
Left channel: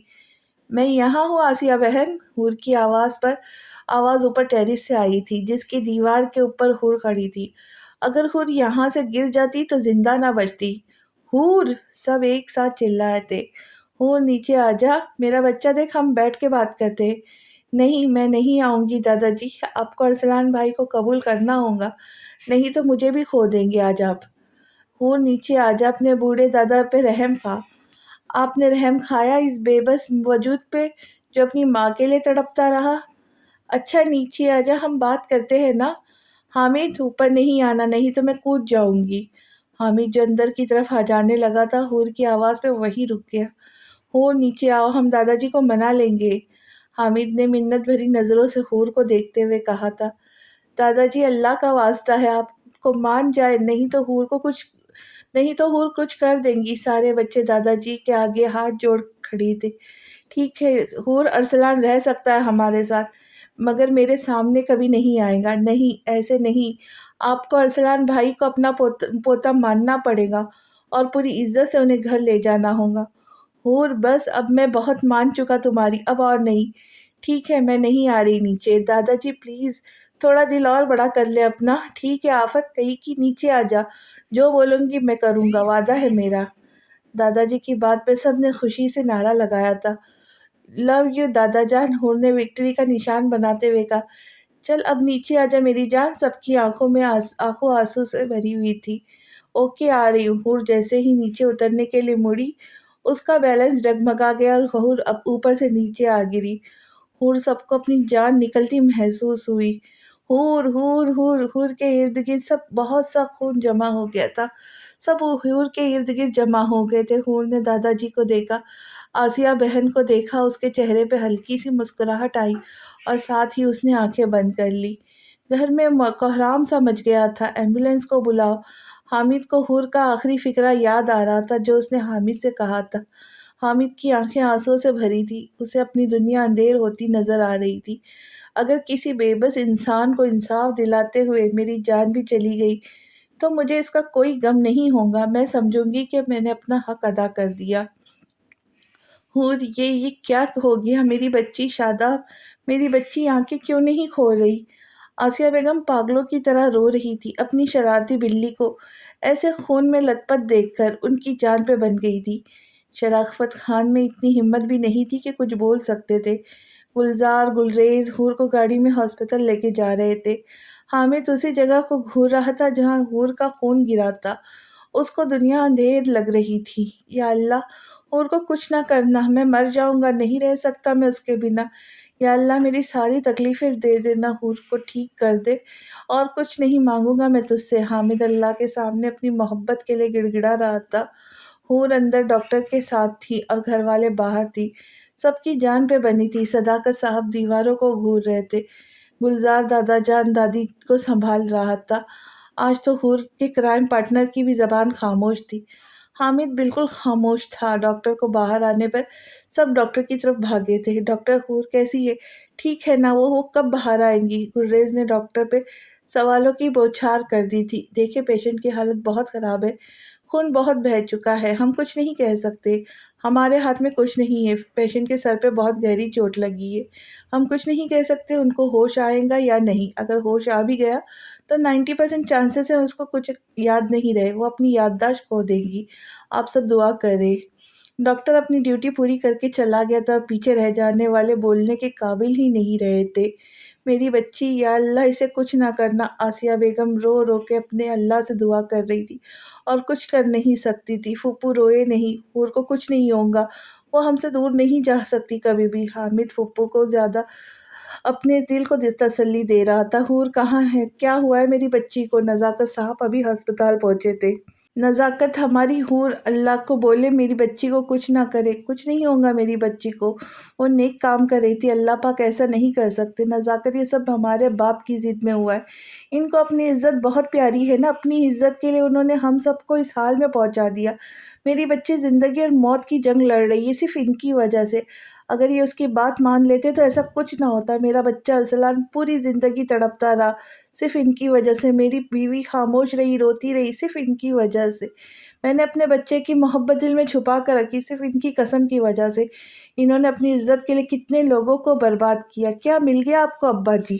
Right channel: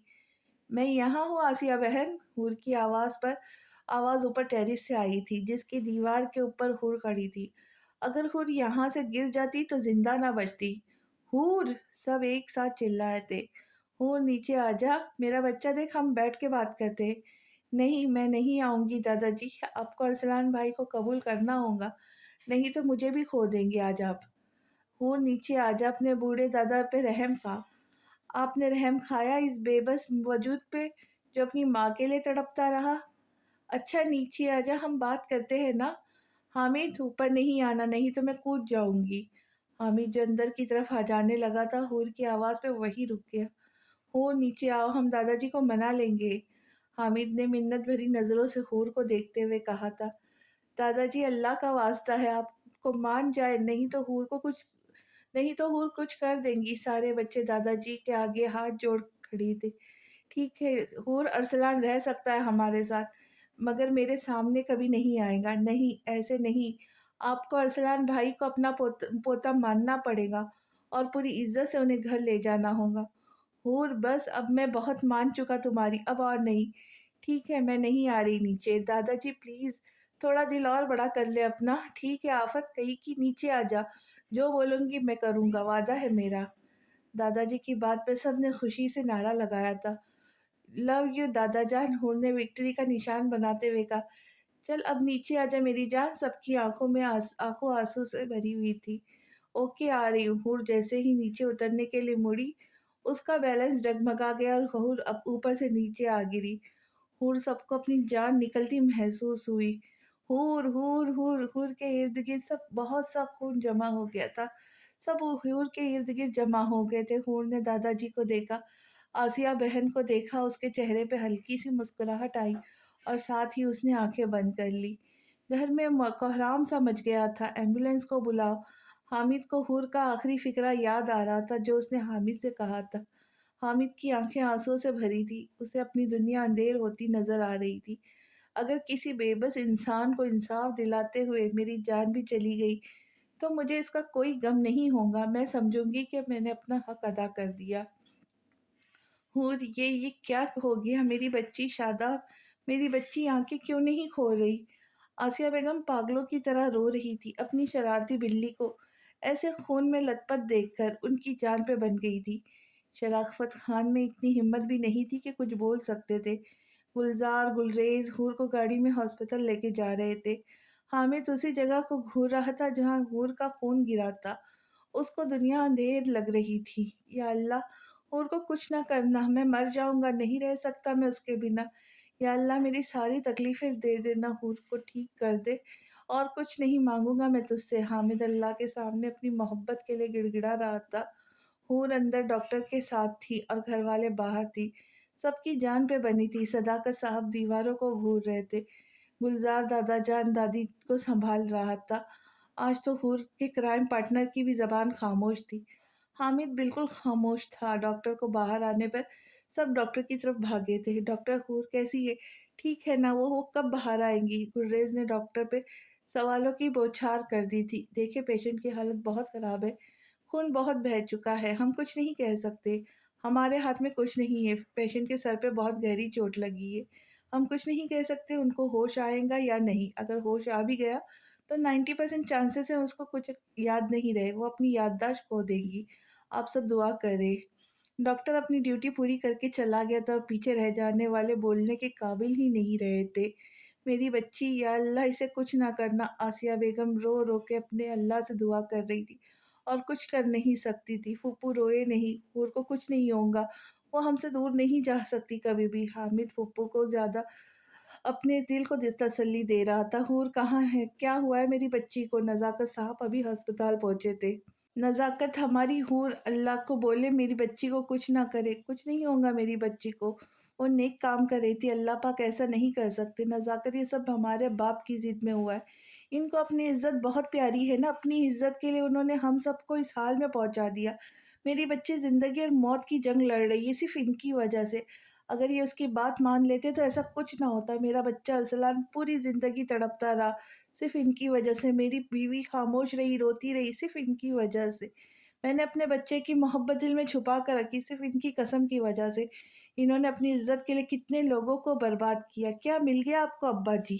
میں یہاں ہوں آسیہ بہن۔ حور کی آواز اوپر ٹیرس سے آئی تھی، جس کی دیوار کے اوپر حور کھڑی تھی۔ اگر حور یہاں سے گر جاتی تو زندہ نہ بچتی۔ حور! سب ایک ساتھ چلائے تھے۔ حور نیچے آ جا، میرا بچہ دیکھ، ہم بیٹھ کے بات کرتے ہیں۔ نہیں، میں نہیں آؤں گی دادا جی، آپ کو ارسلان بھائی کو قبول کرنا ہوگا، نہیں تو مجھے بھی کھو دیں گے آج آپ۔ حور نیچے آ جا، اپنے بوڑھے دادا پہ رحم کھا۔ آپ نے رحم کھایا اس بے بس وجود پہ جو اپنی ماں کے لیے تڑپتا رہا؟ اچھا نیچے آ جا، ہم بات کرتے ہیں نا۔ حامد، اوپر نہیں آنا، نہیں تو میں کود جاؤں گی۔ حامد جو اندر کی طرف آ جانے لگا تھا، حور کی آواز پہ وہی رک گیا۔ حور نیچے آؤ، ہم دادا جی کو منا لیں گے۔ حامد نے منت بھری نظروں سے حور کو دیکھتے ہوئے کہا تھا۔ دادا جی، اللہ کا واسطہ ہے آپ کو مان جائے، نہیں تو حور کچھ کر دیں گی۔ سارے بچے دادا جی کے آگے ہاتھ جوڑ کھڑی تھے۔ ٹھیک ہے حور، ارسلان رہ سکتا ہے ہمارے ساتھ، مگر میرے سامنے کبھی نہیں آئے گا۔ نہیں، ایسے نہیں، آپ کو ارسلان بھائی کو اپنا پوتا ماننا پڑے گا اور پوری عزت سے انہیں گھر لے جانا ہوگا۔ حور بس، اب میں بہت مان چکا تمہاری، اب اور نہیں۔ ٹھیک ہے، میں نہیں آ رہی نیچے۔ دادا جی پلیز تھوڑا دل اور بڑا کر لے اپنا۔ ٹھیک ہے آفت کہی کی، نیچے آ جا، جو بولوں گی میں کروں گا، وعدہ ہے میرا۔ دادا جی کی بات پہ سب نے خوشی سے نعرہ لگایا تھا۔ لو یو دادا جان، حور نے وکٹری کا نشان بناتے ہوئے کہا۔ چل اب نیچے آ جا میری جان۔ سب کی آنکھوں آنسو سے بھری ہوئی تھی۔ اوکے آ رہی ہوں۔ حور جیسے ہی نیچے اترنے کے لیے مڑی، اس کا بیلنس ڈگمگا گیا اور حور اب اوپر سے نیچے آ گری۔ حور سب کو اپنی جان نکلتی محسوس ہوئی۔ حور حور حور حور کے ارد گرد سب بہت سا خون جمع ہو گیا تھا۔ سب حور کے ارد گرد جمع ہو گئے تھے۔ حور نے دادا جی کو دیکھا، آسیہ بہن کو دیکھا، اس کے چہرے پہ ہلکی سی مسکراہٹ آئی اور ساتھ ہی اس نے آنکھیں بند کر لی۔ گھر میں کوہرام سا مچ گیا تھا۔ ایمبولینس کو بلاؤ۔ حامد کو حور کا آخری فقرہ یاد آ رہا تھا جو اس نے حامد سے کہا تھا۔ حامد کی آنکھیں آنسوں سے بھری تھی، اسے اپنی دنیا اندھیر ہوتی نظر آ رہی تھی۔ اگر کسی بے بس انسان کو انصاف دلاتے ہوئے میری جان بھی چلی گئی تو مجھے اس کا کوئی غم نہیں ہوگا، میں سمجھوں گی کہ میں نے اپنا حق ادا کر دیا۔ حور، یہ کیا ہو گیا؟ میری بچی شاداب، میری بچی آنکھیں کیوں نہیں کھول رہی؟ آسیہ بیگم پاگلوں کی طرح رو رہی تھی، اپنی شرارتی بلی کو ایسے خون میں لت پت دیکھ کر ان کی جان پہ بن گئی تھی۔ شرافت خان میں اتنی ہمت بھی نہیں تھی کہ کچھ بول سکتے تھے۔ گلزار گلریز حور کو گاڑی میں ہاسپٹل لے کے جا رہے تھے۔ حامد اسی جگہ کو گھور رہا تھا جہاں حور کا خون گرا تھا۔ اس کو دنیا اندھیر لگ رہی تھی۔ یا اللہ، حور کو کچھ نہ کرنا، میں مر جاؤں گا، نہیں رہ سکتا میں اس کے بنا۔ یا اللہ، میری ساری تکلیفیں دے دینا، حور کو ٹھیک کر دے، اور کچھ نہیں مانگوں گا میں تجھ سے۔ حامد اللہ کے سامنے اپنی محبت کے لیے گڑ گڑا رہا تھا۔ حور اندر ڈاکٹر کے ساتھ تھی اور گھر والے باہر تھی، سب کی جان پہ بنی تھی۔ صداقت صاحب دیواروں کو گھور رہے تھے، گلزار دادا جان دادی کو سنبھال رہا تھا۔ آج تو حور کے کرائم پارٹنر کی بھی زبان خاموش تھی۔ حامد بالکل خاموش تھا۔ ڈاکٹر کو باہر آنے پر سب ڈاکٹر کی طرف بھاگے تھے۔ ڈاکٹر، حور کیسی ہے؟ ٹھیک ہے نا وہ کب باہر آئیں گی؟ گلریز نے ڈاکٹر پہ سوالوں کی بوچھار کر دی تھی۔ دیکھیں، پیشنٹ کی حالت بہت خراب ہے، خون بہت بہہ چکا ہے، ہم کچھ نہیں کہہ سکتے، ہمارے ہاتھ میں کچھ نہیں ہے۔ پیشنٹ کے سر پہ بہت گہری چوٹ لگی ہے، ہم کچھ نہیں کہہ سکتے ان کو ہوش آئے گا یا نہیں۔ اگر ہوش آ بھی گیا تو 90% چانسز ہیں اس کو کچھ یاد نہیں رہے، وہ اپنی یادداشت کھو دیں گی۔ آپ سب دعا کریں۔ ڈاکٹر اپنی ڈیوٹی پوری کر کے چلا گیا تھا، پیچھے رہ جانے والے بولنے کے قابل ہی نہیں رہے تھے۔ میری بچی، یا اللہ اسے کچھ نہ کرنا۔ آسیہ بیگم رو رو کے اپنے اللہ سے دعا کر رہی تھی اور کچھ کر نہیں سکتی تھی۔ پھوپھو روئے نہیں، حور کو کچھ نہیں ہوگا، وہ ہم سے دور نہیں جا سکتی کبھی بھی۔ حامد پھوپھو کو زیادہ اپنے دل کو تسلی دے رہا تھا۔ حور کہاں ہے؟ کیا ہوا ہے میری بچی کو؟ نزاکت صاحب ابھی ہسپتال پہنچے تھے۔ نزاکت، ہماری حور اللہ کو بولے میری بچی کو کچھ نہ کرے، کچھ نہیں ہوگا میری بچی کو، وہ نیک کام کر رہی تھی، اللہ پاک ایسا نہیں کر سکتے۔ نزاکت، یہ سب ہمارے باپ کی ضد میں ہوا ہے، ان کو اپنی عزت بہت پیاری ہے نا، اپنی عزت کے لیے انہوں نے ہم سب کو اس حال میں پہنچا دیا۔ میری بچی زندگی اور موت کی جنگ لڑ رہی ہے صرف ان کی وجہ سے۔ اگر یہ اس کی بات مان لیتے تو ایسا کچھ نہ ہوتا۔ میرا بچہ ارسلان پوری زندگی تڑپتا رہا صرف ان کی وجہ سے، میری بیوی خاموش رہی، روتی رہی صرف ان کی وجہ سے۔ میں نے اپنے بچے کی محبت دل میں چھپا کر رکھی صرف ان کی قسم کی وجہ سے۔ انہوں نے اپنی عزت کے لیے کتنے لوگوں کو برباد کیا۔ کیا مل گیا آپ کو ابا جی؟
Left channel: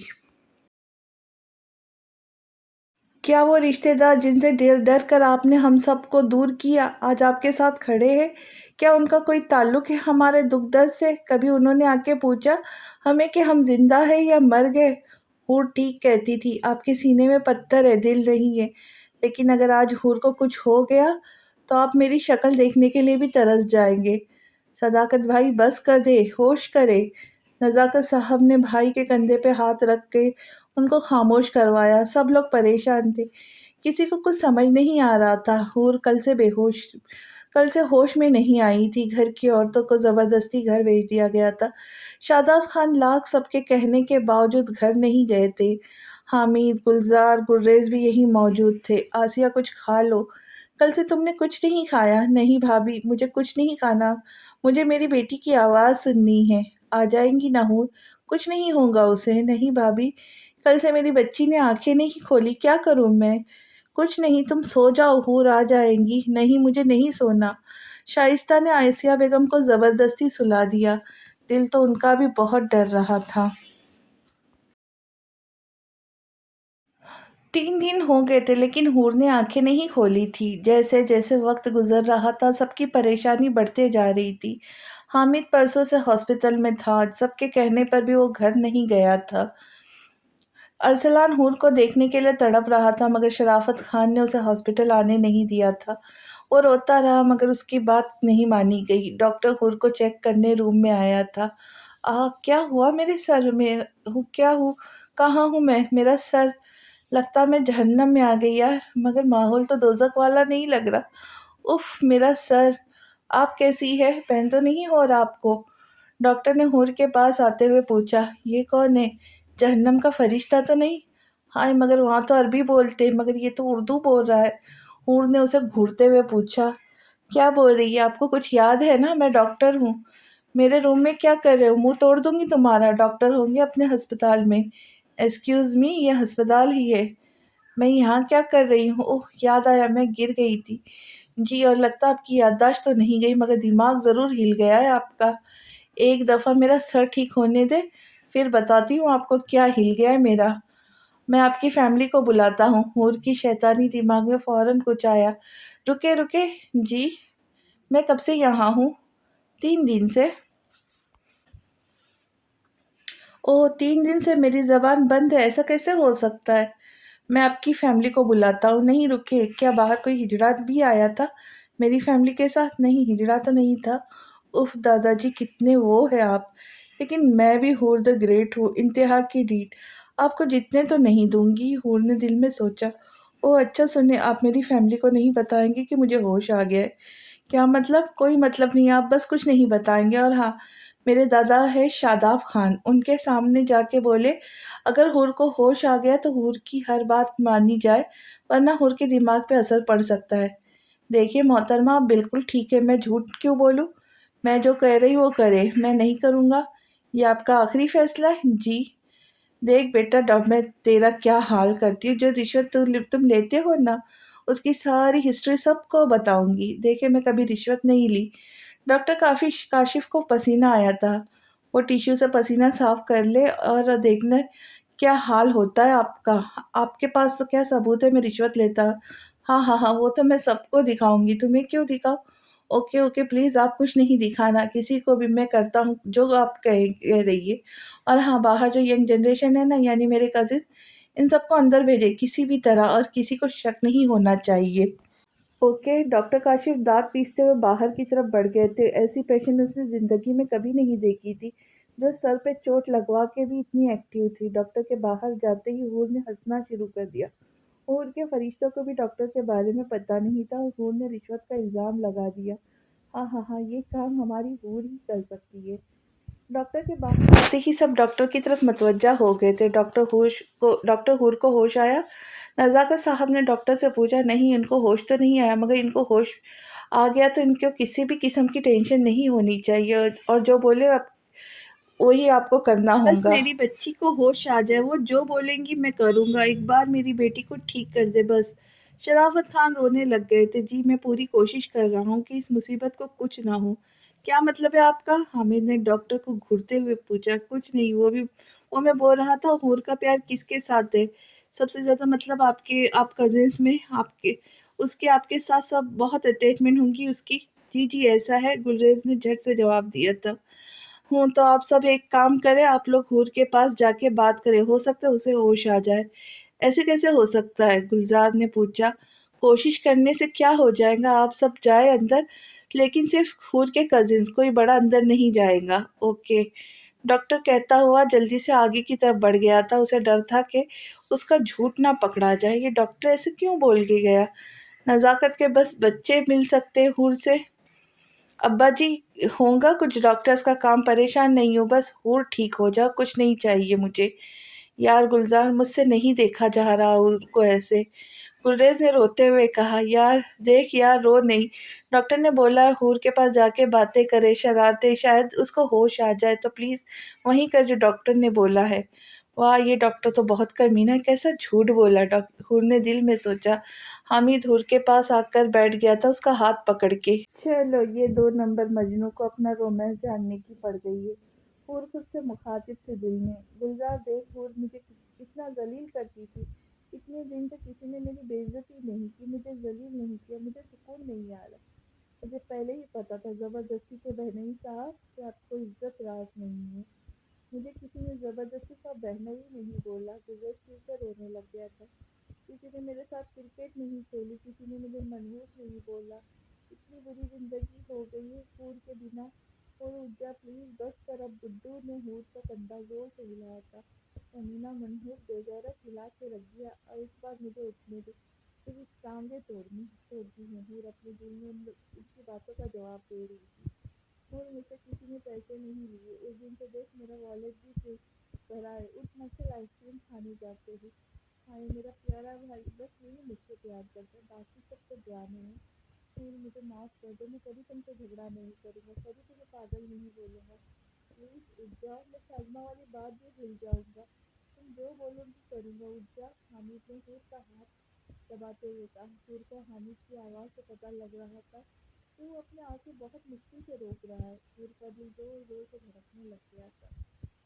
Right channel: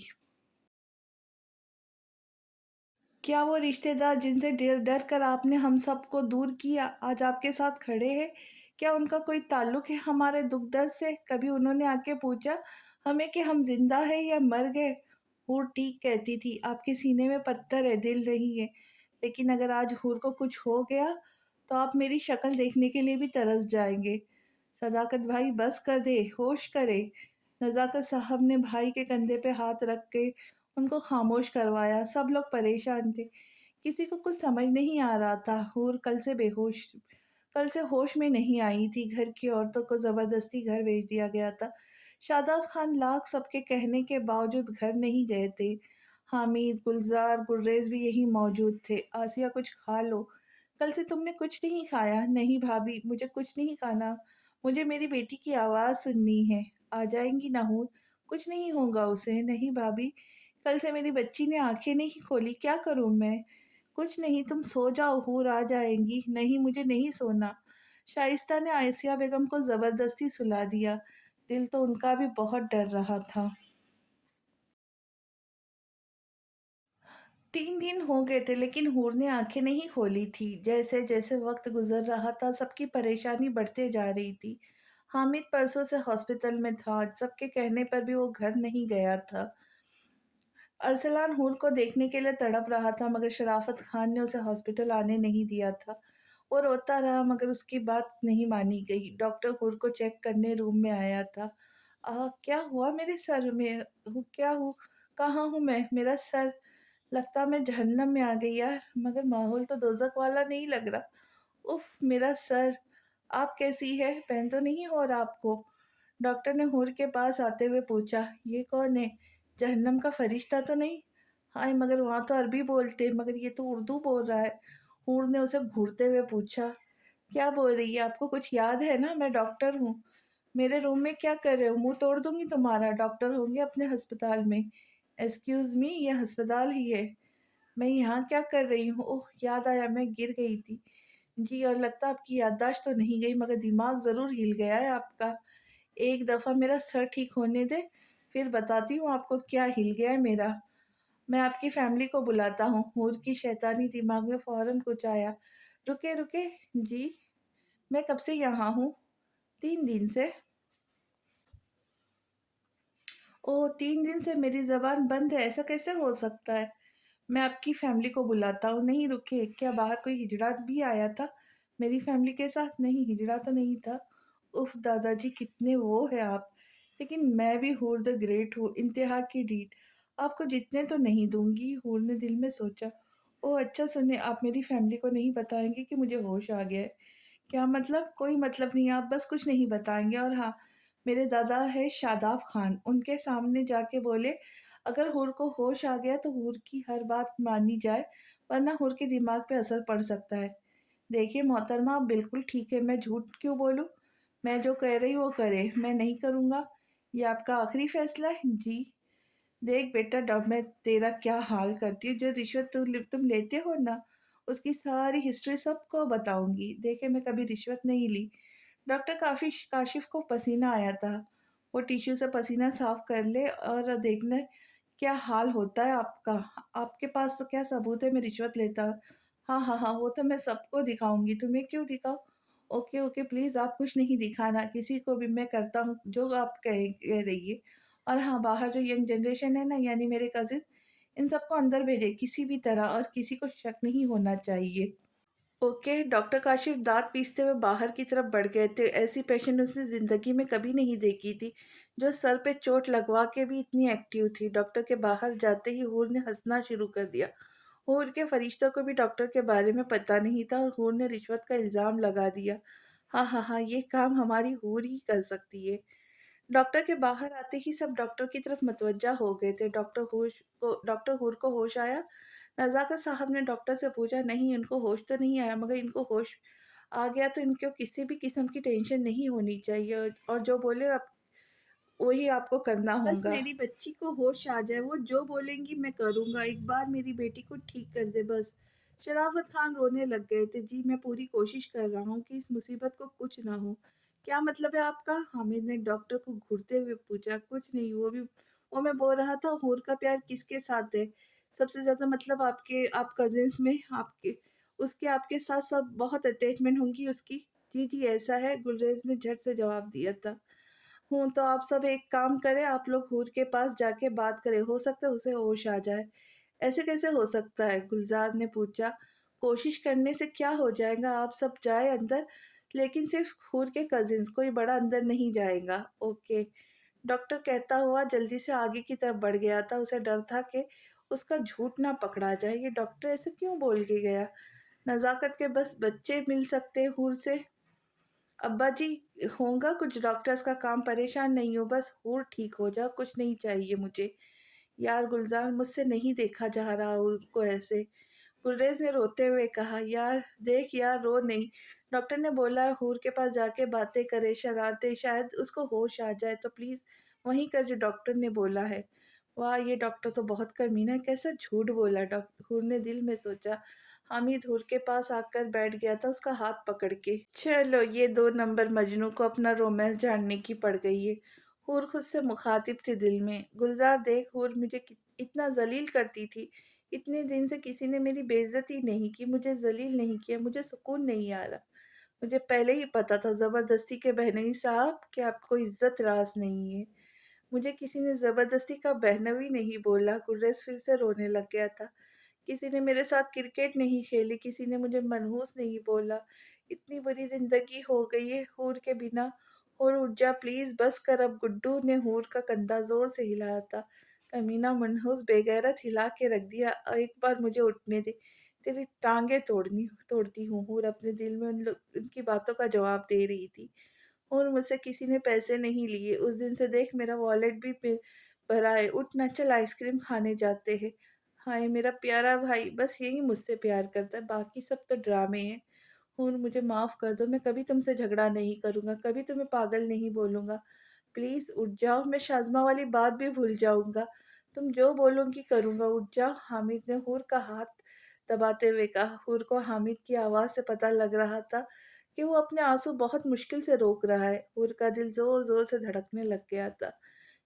کیا وہ رشتے دار جن سے ڈر ڈر کر آپ نے ہم سب کو دور کیا آج آپ کے ساتھ کھڑے ہیں؟ کیا ان کا کوئی تعلق ہے ہمارے دکھ درد سے؟ کبھی انہوں نے آ کے پوچھا ہمیں کہ ہم زندہ ہیں یا مر گئے؟ حور ٹھیک کہتی تھی، آپ کے سینے میں پتھر ہے، دل نہیں ہے۔ لیکن اگر آج حور کو کچھ ہو گیا تو آپ میری شکل دیکھنے کے لیے بھی ترس جائیں گے۔ صداقت بھائی بس کر دے، ہوش کرے۔ نزاکت صاحب نے بھائی کے کندھے پہ ہاتھ رکھ کے ان کو خاموش کروایا۔ سب لوگ پریشان تھے، کسی کو کچھ سمجھ نہیں آ رہا تھا۔ حور کل سے ہوش میں نہیں آئی تھی۔ گھر کی عورتوں کو زبردستی گھر بھیج دیا گیا تھا۔ شاداب خان لاکھ سب کے کہنے کے باوجود گھر نہیں گئے تھے۔ حامد، گلزار، گلریز بھی یہی موجود تھے۔ آسیہ، کچھ کھا لو، کل سے تم نے کچھ نہیں کھایا۔ نہیں بھابھی، مجھے کچھ نہیں کھانا، مجھے میری بیٹی کی آواز سننی ہے۔ آ جائیں گی نہ حور، کچھ نہیں ہوگا اسے۔ نہیں بھابھی، کل سے میری بچی نے آنکھیں نہیں کھولی، کیا کروں میں؟ کچھ نہیں، تم سو جاؤ، حور آ جائیں گی۔ نہیں، مجھے نہیں سونا۔ شائستہ نے آسیہ بیگم کو زبردستی سلا دیا، دل تو ان کا بھی بہت ڈر رہا تھا۔ 3 دن ہو گئے تھے لیکن حور نے آنکھیں نہیں کھولی تھی۔ جیسے جیسے وقت گزر رہا تھا سب کی پریشانی بڑھتے جا رہی تھی۔ حامد پرسوں سے ہاسپٹل میں تھا، سب کے کہنے پر بھی وہ گھر نہیں گیا تھا۔ ارسلان حور کو دیکھنے کے لیے تڑپ رہا تھا مگر شرافت خان نے اسے ہاسپٹل آنے نہیں دیا تھا۔ وہ روتا رہا مگر اس کی بات نہیں مانی گئی۔ ڈاکٹر حور کو چیک کرنے روم میں آیا تھا۔ کیا ہوا میرے سر میں؟ کیا ہوں؟ کہاں ہوں میں؟ میرا سر، لگتا میں جہنم میں آ گئی یار، مگر ماحول تو دوزخ والا نہیں لگ رہا۔ اف، میرا سر۔ آپ کیسی ہے؟ پین تو نہیں ہو رہا آپ کو؟ ڈاکٹر نے حور کے پاس آتے ہوئے پوچھا۔ یہ کون ہے؟ جہنم کا فرشتہ تو نہیں؟ ہائے، مگر وہاں تو عربی بولتے، مگر یہ تو اردو بول رہا ہے۔ حور نے اسے گھورتے ہوئے پوچھا۔ کیا بول رہی ہے؟ آپ کو کچھ یاد ہے نا؟ میں ڈاکٹر ہوں۔ میرے روم میں کیا کر رہے ہو؟ منہ توڑ دوں گی تمہارا۔ ڈاکٹر ہوں گے اپنے ہسپتال میں۔ ایکسکیوز می، یہ ہسپتال ہی ہے۔ میں یہاں کیا کر رہی ہوں؟ اوہ، یاد آیا، میں گر گئی تھی۔ جی، اور لگتا آپ کی یادداشت تو نہیں گئی مگر دماغ ضرور ہل گیا ہے آپ کا۔ ایک دفعہ میرا سر ٹھیک ہونے دے، پھر بتاتی ہوں آپ کو کیا ہل گیا ہے میرا۔ میں آپ کی فیملی کو بلاتا ہوں۔ حور کی شیطانی دماغ میں فوراً کچھ آیا۔ رکے رکے، جی میں کب سے یہاں ہوں؟ 3 دن سے۔ اوہ 3 دن سے میری زبان بند ہے، ایسا کیسے ہو سکتا ہے؟ میں آپ کی فیملی کو بلاتا ہوں۔ نہیں رکے، کیا باہر کوئی ہجڑا بھی آیا تھا میری فیملی کے ساتھ؟ نہیں، ہجڑا تو نہیں تھا۔ اف دادا جی کتنے وہ ہے آپ، لیکن میں بھی حور دا گریٹ ہوں، انتہا کی ڈیٹ۔ آپ کو جتنے تو نہیں دوں گی، حور نے دل میں سوچا۔ اوہ اچھا سنیں، آپ میری فیملی کو نہیں بتائیں گے کہ مجھے ہوش آ گیا ہے؟ کیا مطلب؟ کوئی مطلب نہیں، آپ بس کچھ نہیں بتائیں گے۔ اور ہاں، میرے دادا ہے شاداب خان، ان کے سامنے جا کے بولے اگر حور کو ہوش آ گیا تو حور کی ہر بات مانی جائے، ورنہ حور کے دماغ پہ اثر پڑ سکتا ہے۔ دیکھیے محترمہ، آپ بالکل ٹھیک ہے، میں جھوٹ کیوں بولوں؟ میں جو کہہ رہی وہ کرے، میں نہیں کروں گا۔ یہ آپ کا آخری فیصلہ ہے؟ جی۔ دیکھ بیٹا، اب میں تیرا کیا حال کرتی ہوں، جو رشوت تم لیتے ہو نا، اس کی ساری ہسٹری سب کو بتاؤں گی۔ دیکھے میں کبھی رشوت نہیں لی۔ ڈاکٹر کاشف کو پسینہ آیا تھا۔ وہ ٹیشو سے پسینہ صاف کر لے اور دیکھنا کیا حال ہوتا ہے آپ کا۔ آپ کے پاس کیا ثبوت ہے میں رشوت لیتا؟ ہاں ہاں ہاں، وہ تو میں سب کو دکھاؤں گی، تمہیں کیوں دکھاؤ؟ اوکے اوکے پلیز، آپ کچھ نہیں دکھانا کسی کو بھی، میں کرتا ہوں جو آپ کہہ رہی ہے۔ اور ہاں، باہر جو ینگ جنریشن ہے نا، یعنی میرے کزن، ان سب کو اندر بھیجے کسی بھی طرح، اور کسی کو شک نہیں ہونا چاہیے۔ اوکے۔ ڈاکٹر کاشف دانت پیستے ہوئے باہر کی طرف بڑھ گئے تھے۔ ایسی پیشنٹ اس نے زندگی میں کبھی نہیں دیکھی تھی، جو سر پہ چوٹ لگوا کے بھی اتنی ایکٹیو تھی۔ ڈاکٹر کے باہر جاتے ہی حور نے ہنسنا شروع کر دیا۔ حور کے فرشتوں کو بھی ڈاکٹر کے بارے میں پتہ نہیں تھا، اور حور نے رشوت کا الزام لگا دیا۔ ہاں ہاں ہاں، یہ کام ہماری حور ہی کر سکتی ہے۔ ڈاکٹر کے باہر آتے ہی سب ڈاکٹر کی طرف متوجہ ہو گئے تھے۔ ڈاکٹر حور کو ہوش آیا؟ نزاکت صاحب نے ڈاکٹر سے پوچھا۔ نہیں، ان کو ہوش تو نہیں آیا، مگر ان کو ہوش آ گیا تو ان کو کسی بھی قسم کی ٹینشن نہیں ہونی چاہیے، اور جو بولے وہی آپ کو کرنا ہوگا۔ بس میری بچی کو ہوش آ جائے، وہ جو بولیں گی میں کروں گا، ایک بار میری بیٹی کو ٹھیک کر دے بس۔ شرافت خان رونے لگ گئے تھے۔ جی میں پوری کوشش کر رہا ہوں کہ اس مصیبت کو کچھ نہ ہو۔ کیا مطلب ہے آپ کا؟ حامد نے ڈاکٹر کو گھورتے ہوئے پوچھا۔ کچھ نہیں، وہ میں بول رہا تھا حور کا پیار کس کے ساتھ ہے؟ سب سے زیادہ مطلب آپ کزنس میں آپ کے ساتھ سب بہت اٹیچمنٹ ہوں گی اس کی۔ جی جی ایسا ہے، گلریز نے جھٹ سے جواب دیا تھا۔ ہوں تو آپ سب ایک کام کریں، آپ لوگ حور کے پاس جا کے بات کریں، ہو سکتا ہے اسے ہوش آ جائے۔ ایسے کیسے ہو سکتا ہے؟ گلزار نے پوچھا۔ کوشش کرنے سے کیا ہو جائے گا، آپ سب جائیں اندر، لیکن صرف حور کے کزنس، کوئی بڑا اندر نہیں جائے گا۔ اوکے۔ ڈاکٹر کہتا ہوا جلدی سے آگے کی طرف بڑھ گیا تھا۔ اسے ڈر تھا کہ اس کا جھوٹ نہ پکڑا جائے۔ یہ ڈاکٹر ایسے کیوں بول کے گیا؟ نزاکت کے بس بچے مل سکتے حور سے؟ ابا جی ہوگا کچھ ڈاکٹرز کا کام، پریشان نہیں ہو، بس حور ٹھیک ہو جاؤ، کچھ نہیں چاہیے مجھے۔ یار گلزار، مجھ سے نہیں دیکھا جا رہا حور کو ایسے، گلریز نے روتے ہوئے کہا۔ یار دیکھ یار، رو نہیں، ڈاکٹر نے بولا ہے حور کے پاس جا کے باتیں کرے، شرارتیں، شاید اس کو ہوش آ جائے، تو پلیز وہیں کر جو ڈاکٹر نے بولا ہے۔ واہ، یہ ڈاکٹر تو بہت کمینہ ہے، کیسا جھوٹ بولا۔ حور نے دل میں سوچا۔ حامد حور کے پاس آ کر بیٹھ گیا تھا، اس کا ہاتھ پکڑ کے۔ چلو، یہ 2 نمبر مجنوں کو اپنا رومانس جاننے کی پڑ گئی ہے۔ حور خود سے مخاطب تھی دل میں۔ گلزار دیکھ، حور مجھے اتنا ذلیل کرتی تھی، اتنے دن سے کسی نے میری بے عزتی نہیں کی، مجھے ذلیل نہیں کیا، مجھے سکون نہیں آ رہا۔ مجھے پہلے ہی پتا تھا زبردستی کے بہنوئی صاحب کہ آپ کو عزت راز نہیں ہے۔ مجھے کسی نے زبردستی کا بہنوئی نہیں بولا۔ گلریز پھر سے رونے لگ گیا تھا۔ کسی نے میرے ساتھ کرکٹ نہیں کھیلی، کسی نے مجھے منحوس نہیں بولا۔ اتنی بری زندگی ہو گئی ہے حور کے بنا۔ حور اٹھ جا پلیز، بس کر اب۔ گڈو نے حور کا کندھا زور سے ہلایا تھا۔ کمینہ، منحوس، بے غیرت، ہلا کے رکھ دیا، ایک بار مجھے اٹھنے دے، تیری ٹانگیں توڑتی ہوں۔ حور اپنے دل میں ان کی باتوں کا جواب دے رہی تھی۔ حور مجھ سے کسی نے پیسے نہیں لیے، اس دن سے دیکھ میرا والیٹ بھی بھرا ہے، اٹھ نہ، چل آئس کریم کھانے جاتے ہیں۔ ہائے میرا پیارا بھائی، بس یہی مجھ سے پیار کرتا ہے، باقی سب تو ڈرامے ہیں۔ حور مجھے معاف کر دو، میں کبھی تم سے جھگڑا نہیں کروں گا، کبھی تمہیں پاگل نہیں بولوں گا، پلیز اٹھ جاؤ، میں شازمہ والی بات بھی بھول جاؤں گا، تم جو بولوں گی کروں گا، اٹھ جاؤ۔ حامد نے حور کا ہاتھ دباتے ہوئے کہا۔ حور کو حامد کی آواز سے پتہ لگ رہا تھا کہ وہ اپنے آنسو بہت مشکل سے روک رہا ہے۔ حور کا دل زور زور سے دھڑکنے لگ گیا تھا۔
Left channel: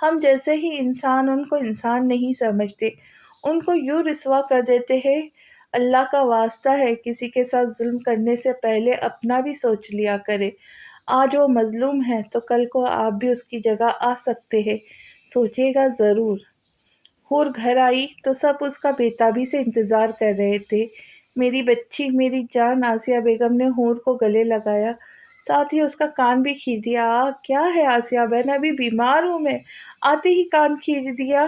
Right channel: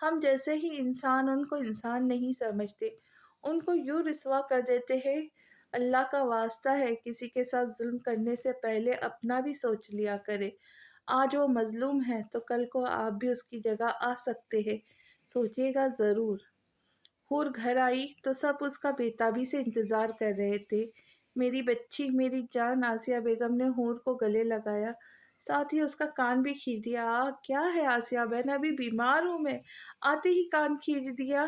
ہم جیسے ہی انسان ان کو انسان نہیں سمجھتے، ان کو یوں رسوا کر دیتے ہیں۔ اللہ کا واسطہ ہے کسی کے ساتھ ظلم کرنے سے پہلے اپنا بھی سوچ لیا کرے۔ آج وہ مظلوم ہے تو کل کو آپ بھی اس کی جگہ آ سکتے ہیں، سوچیے گا ضرور۔ حور گھر آئی تو سب اس کا بےتابی سے انتظار کر رہے تھے۔ میری بچی، میری جان، آسیہ بیگم نے حور کو گلے لگایا، ساتھ ہی اس کا کان بھی کھینچ دیا۔ کیا ہے آسیہ بہن، ابھی بیمار ہوں میں، آتے ہی کان کھینچ دیا؟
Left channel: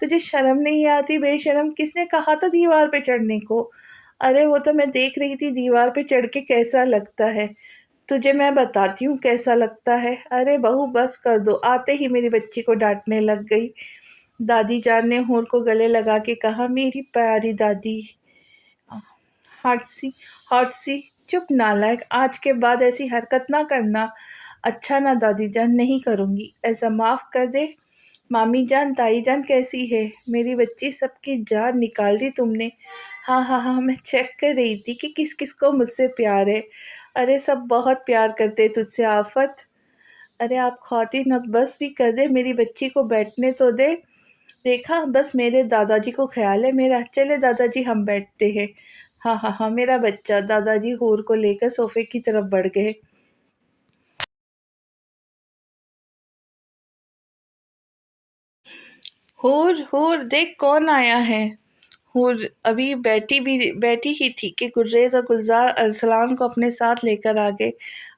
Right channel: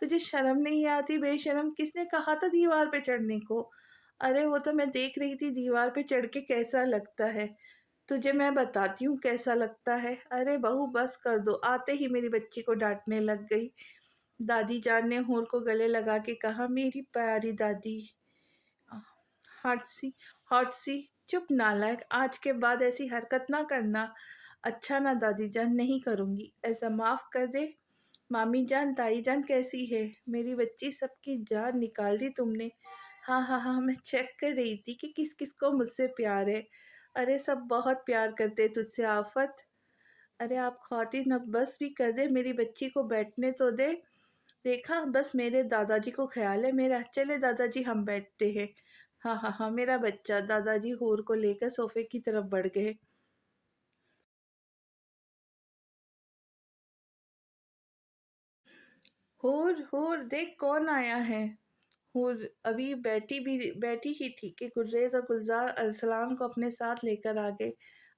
تجھے شرم نہیں آتی؟ بے شرم، کس نے کہا تھا دیوار پہ چڑھنے کو؟ ارے وہ تو میں دیکھ رہی تھی دیوار پہ چڑھ کے کیسا لگتا ہے، تجھے میں بتاتی ہوں کیسا لگتا ہے۔ ارے بہو بس کر دو، آتے ہی میری بچی کو ڈانٹنے لگ گئی۔ دادی جان نے حور کو گلے لگا کے کہا، میری پیاری دادی، ہاٹ سی، چپ نالائق، آج کے بعد ایسی حرکت نہ کرنا۔ اچھا نا دادی جان، نہیں کروں گی، ایسا معاف کر دے۔ مامی جان، تائی جان کیسی ہے میری بچی؟ سب کی جان نکال دی تم نے۔ ہاں ہاں ہاں، میں چیک کر رہی تھی کہ کس کس کو مجھ سے پیار ہے۔ ارے سب بہت پیار کرتے تجھ سے آفت۔ ارے آپ خواتین اب بس بھی کر دے، میری بچی کو بیٹھنے تو دے۔ دیکھا، بس میرے دادا جی کو خیال ہے میرا، چلے دادا جی ہم بیٹھتے ہیں۔ ہاں ہاں ہاں میرا بچہ۔ دادا جی حور کو لے کر صوفے کی طرف بڑھ گئے۔ حور حور دیکھ کون آیا ہے۔ حور ابھی بیٹھی ہی تھی کہ گریز اور گلزار ارسلان کو اپنے ساتھ لے کر آ گئے۔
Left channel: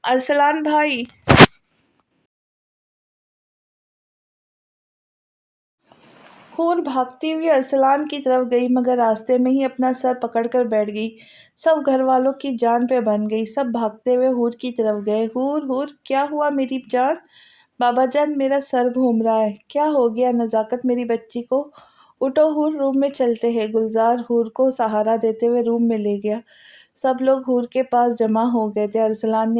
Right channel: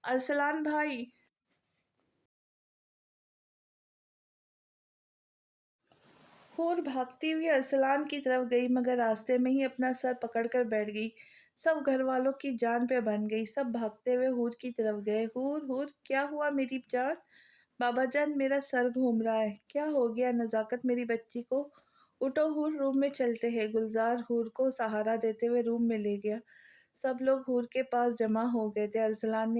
ارسلان بھائی! حور بھاگتی ہوئی ارسلان کی طرف گئی، مگر راستے میں ہی اپنا سر پکڑ کر بیٹھ گئی۔ سب گھر والوں کی جان پہ بن گئی، سب بھاگتے ہوئے حور کی طرف گئے۔ حور حور کیا ہوا میری جان؟ بابا جان میرا سر گھوم رہا ہے۔ کیا ہو گیا نزاکت میری بچی کو؟ اٹھو حور، روم میں چلتے ہیں۔ گلزار حور کو سہارا دیتے ہوئے روم میں لے گیا۔ سب لوگ حور کے پاس جمع ہو گئے تھے۔ ارسلان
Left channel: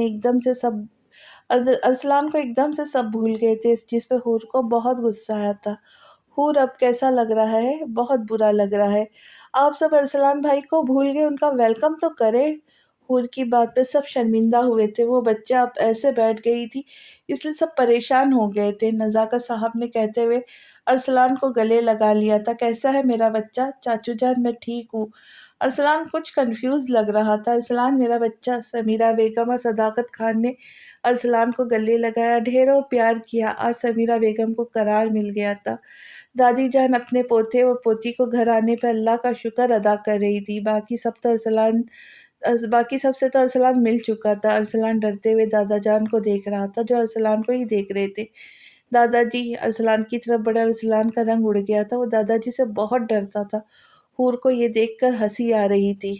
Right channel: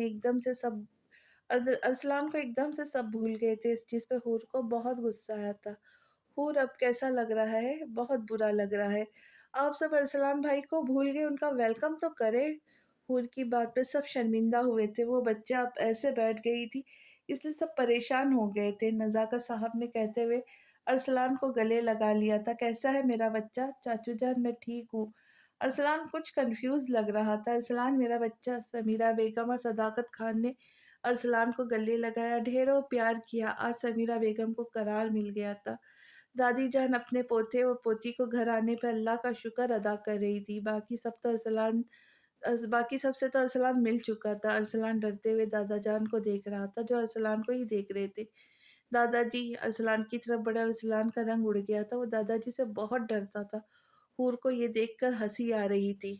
کو ایک دم سے سب بھول گئے تھے، جس پہ حور کو بہت غصہ آیا تھا۔ حور اب کیسا لگ رہا ہے؟ بہت برا لگ رہا ہے۔ آپ سب ارسلان بھائی کو بھول گئے، ان کا ویلکم تو کرے۔ حور کی بات پہ سب شرمندہ ہوئے تھے، وہ بچہ اب ایسے بیٹھ گئی تھی اس لیے سب پریشان ہو گئے تھے۔ نزاکت صاحب نے کہتے ہوئے ارسلان کو گلے لگا لیا تھا۔ کیسا ہے میرا بچہ؟ چاچو جان میں ٹھیک ہوں۔ ارسلان کچھ کنفیوز لگ رہا تھا۔ ارسلان میرا بچہ۔ سمیرہ بیگم اور صداقت خان نے ارسلان کو گلے لگایا، ڈھیروں پیار کیا۔ آج سمیرہ بیگم کو قرار مل گیا تھا۔ دادی جان اپنے پوتے و پوتی کو گھر آنے پہ اللہ کا شکر ادا کر رہی تھی۔ باقی سب سے تو ارسلان مل چکا تھا۔ ارسلان ڈرتے ہوئے دادا جان کو دیکھ رہا تھا، جو ارسلان کو ہی دیکھ رہے تھے۔ دادا جی! ارسلان کی طرف بڑا ارسلان کا رنگ اڑ گیا تھا، وہ دادا جی سے بہت ڈرتا تھا۔ حور کو یہ دیکھ کر ہنسی آ رہی تھی۔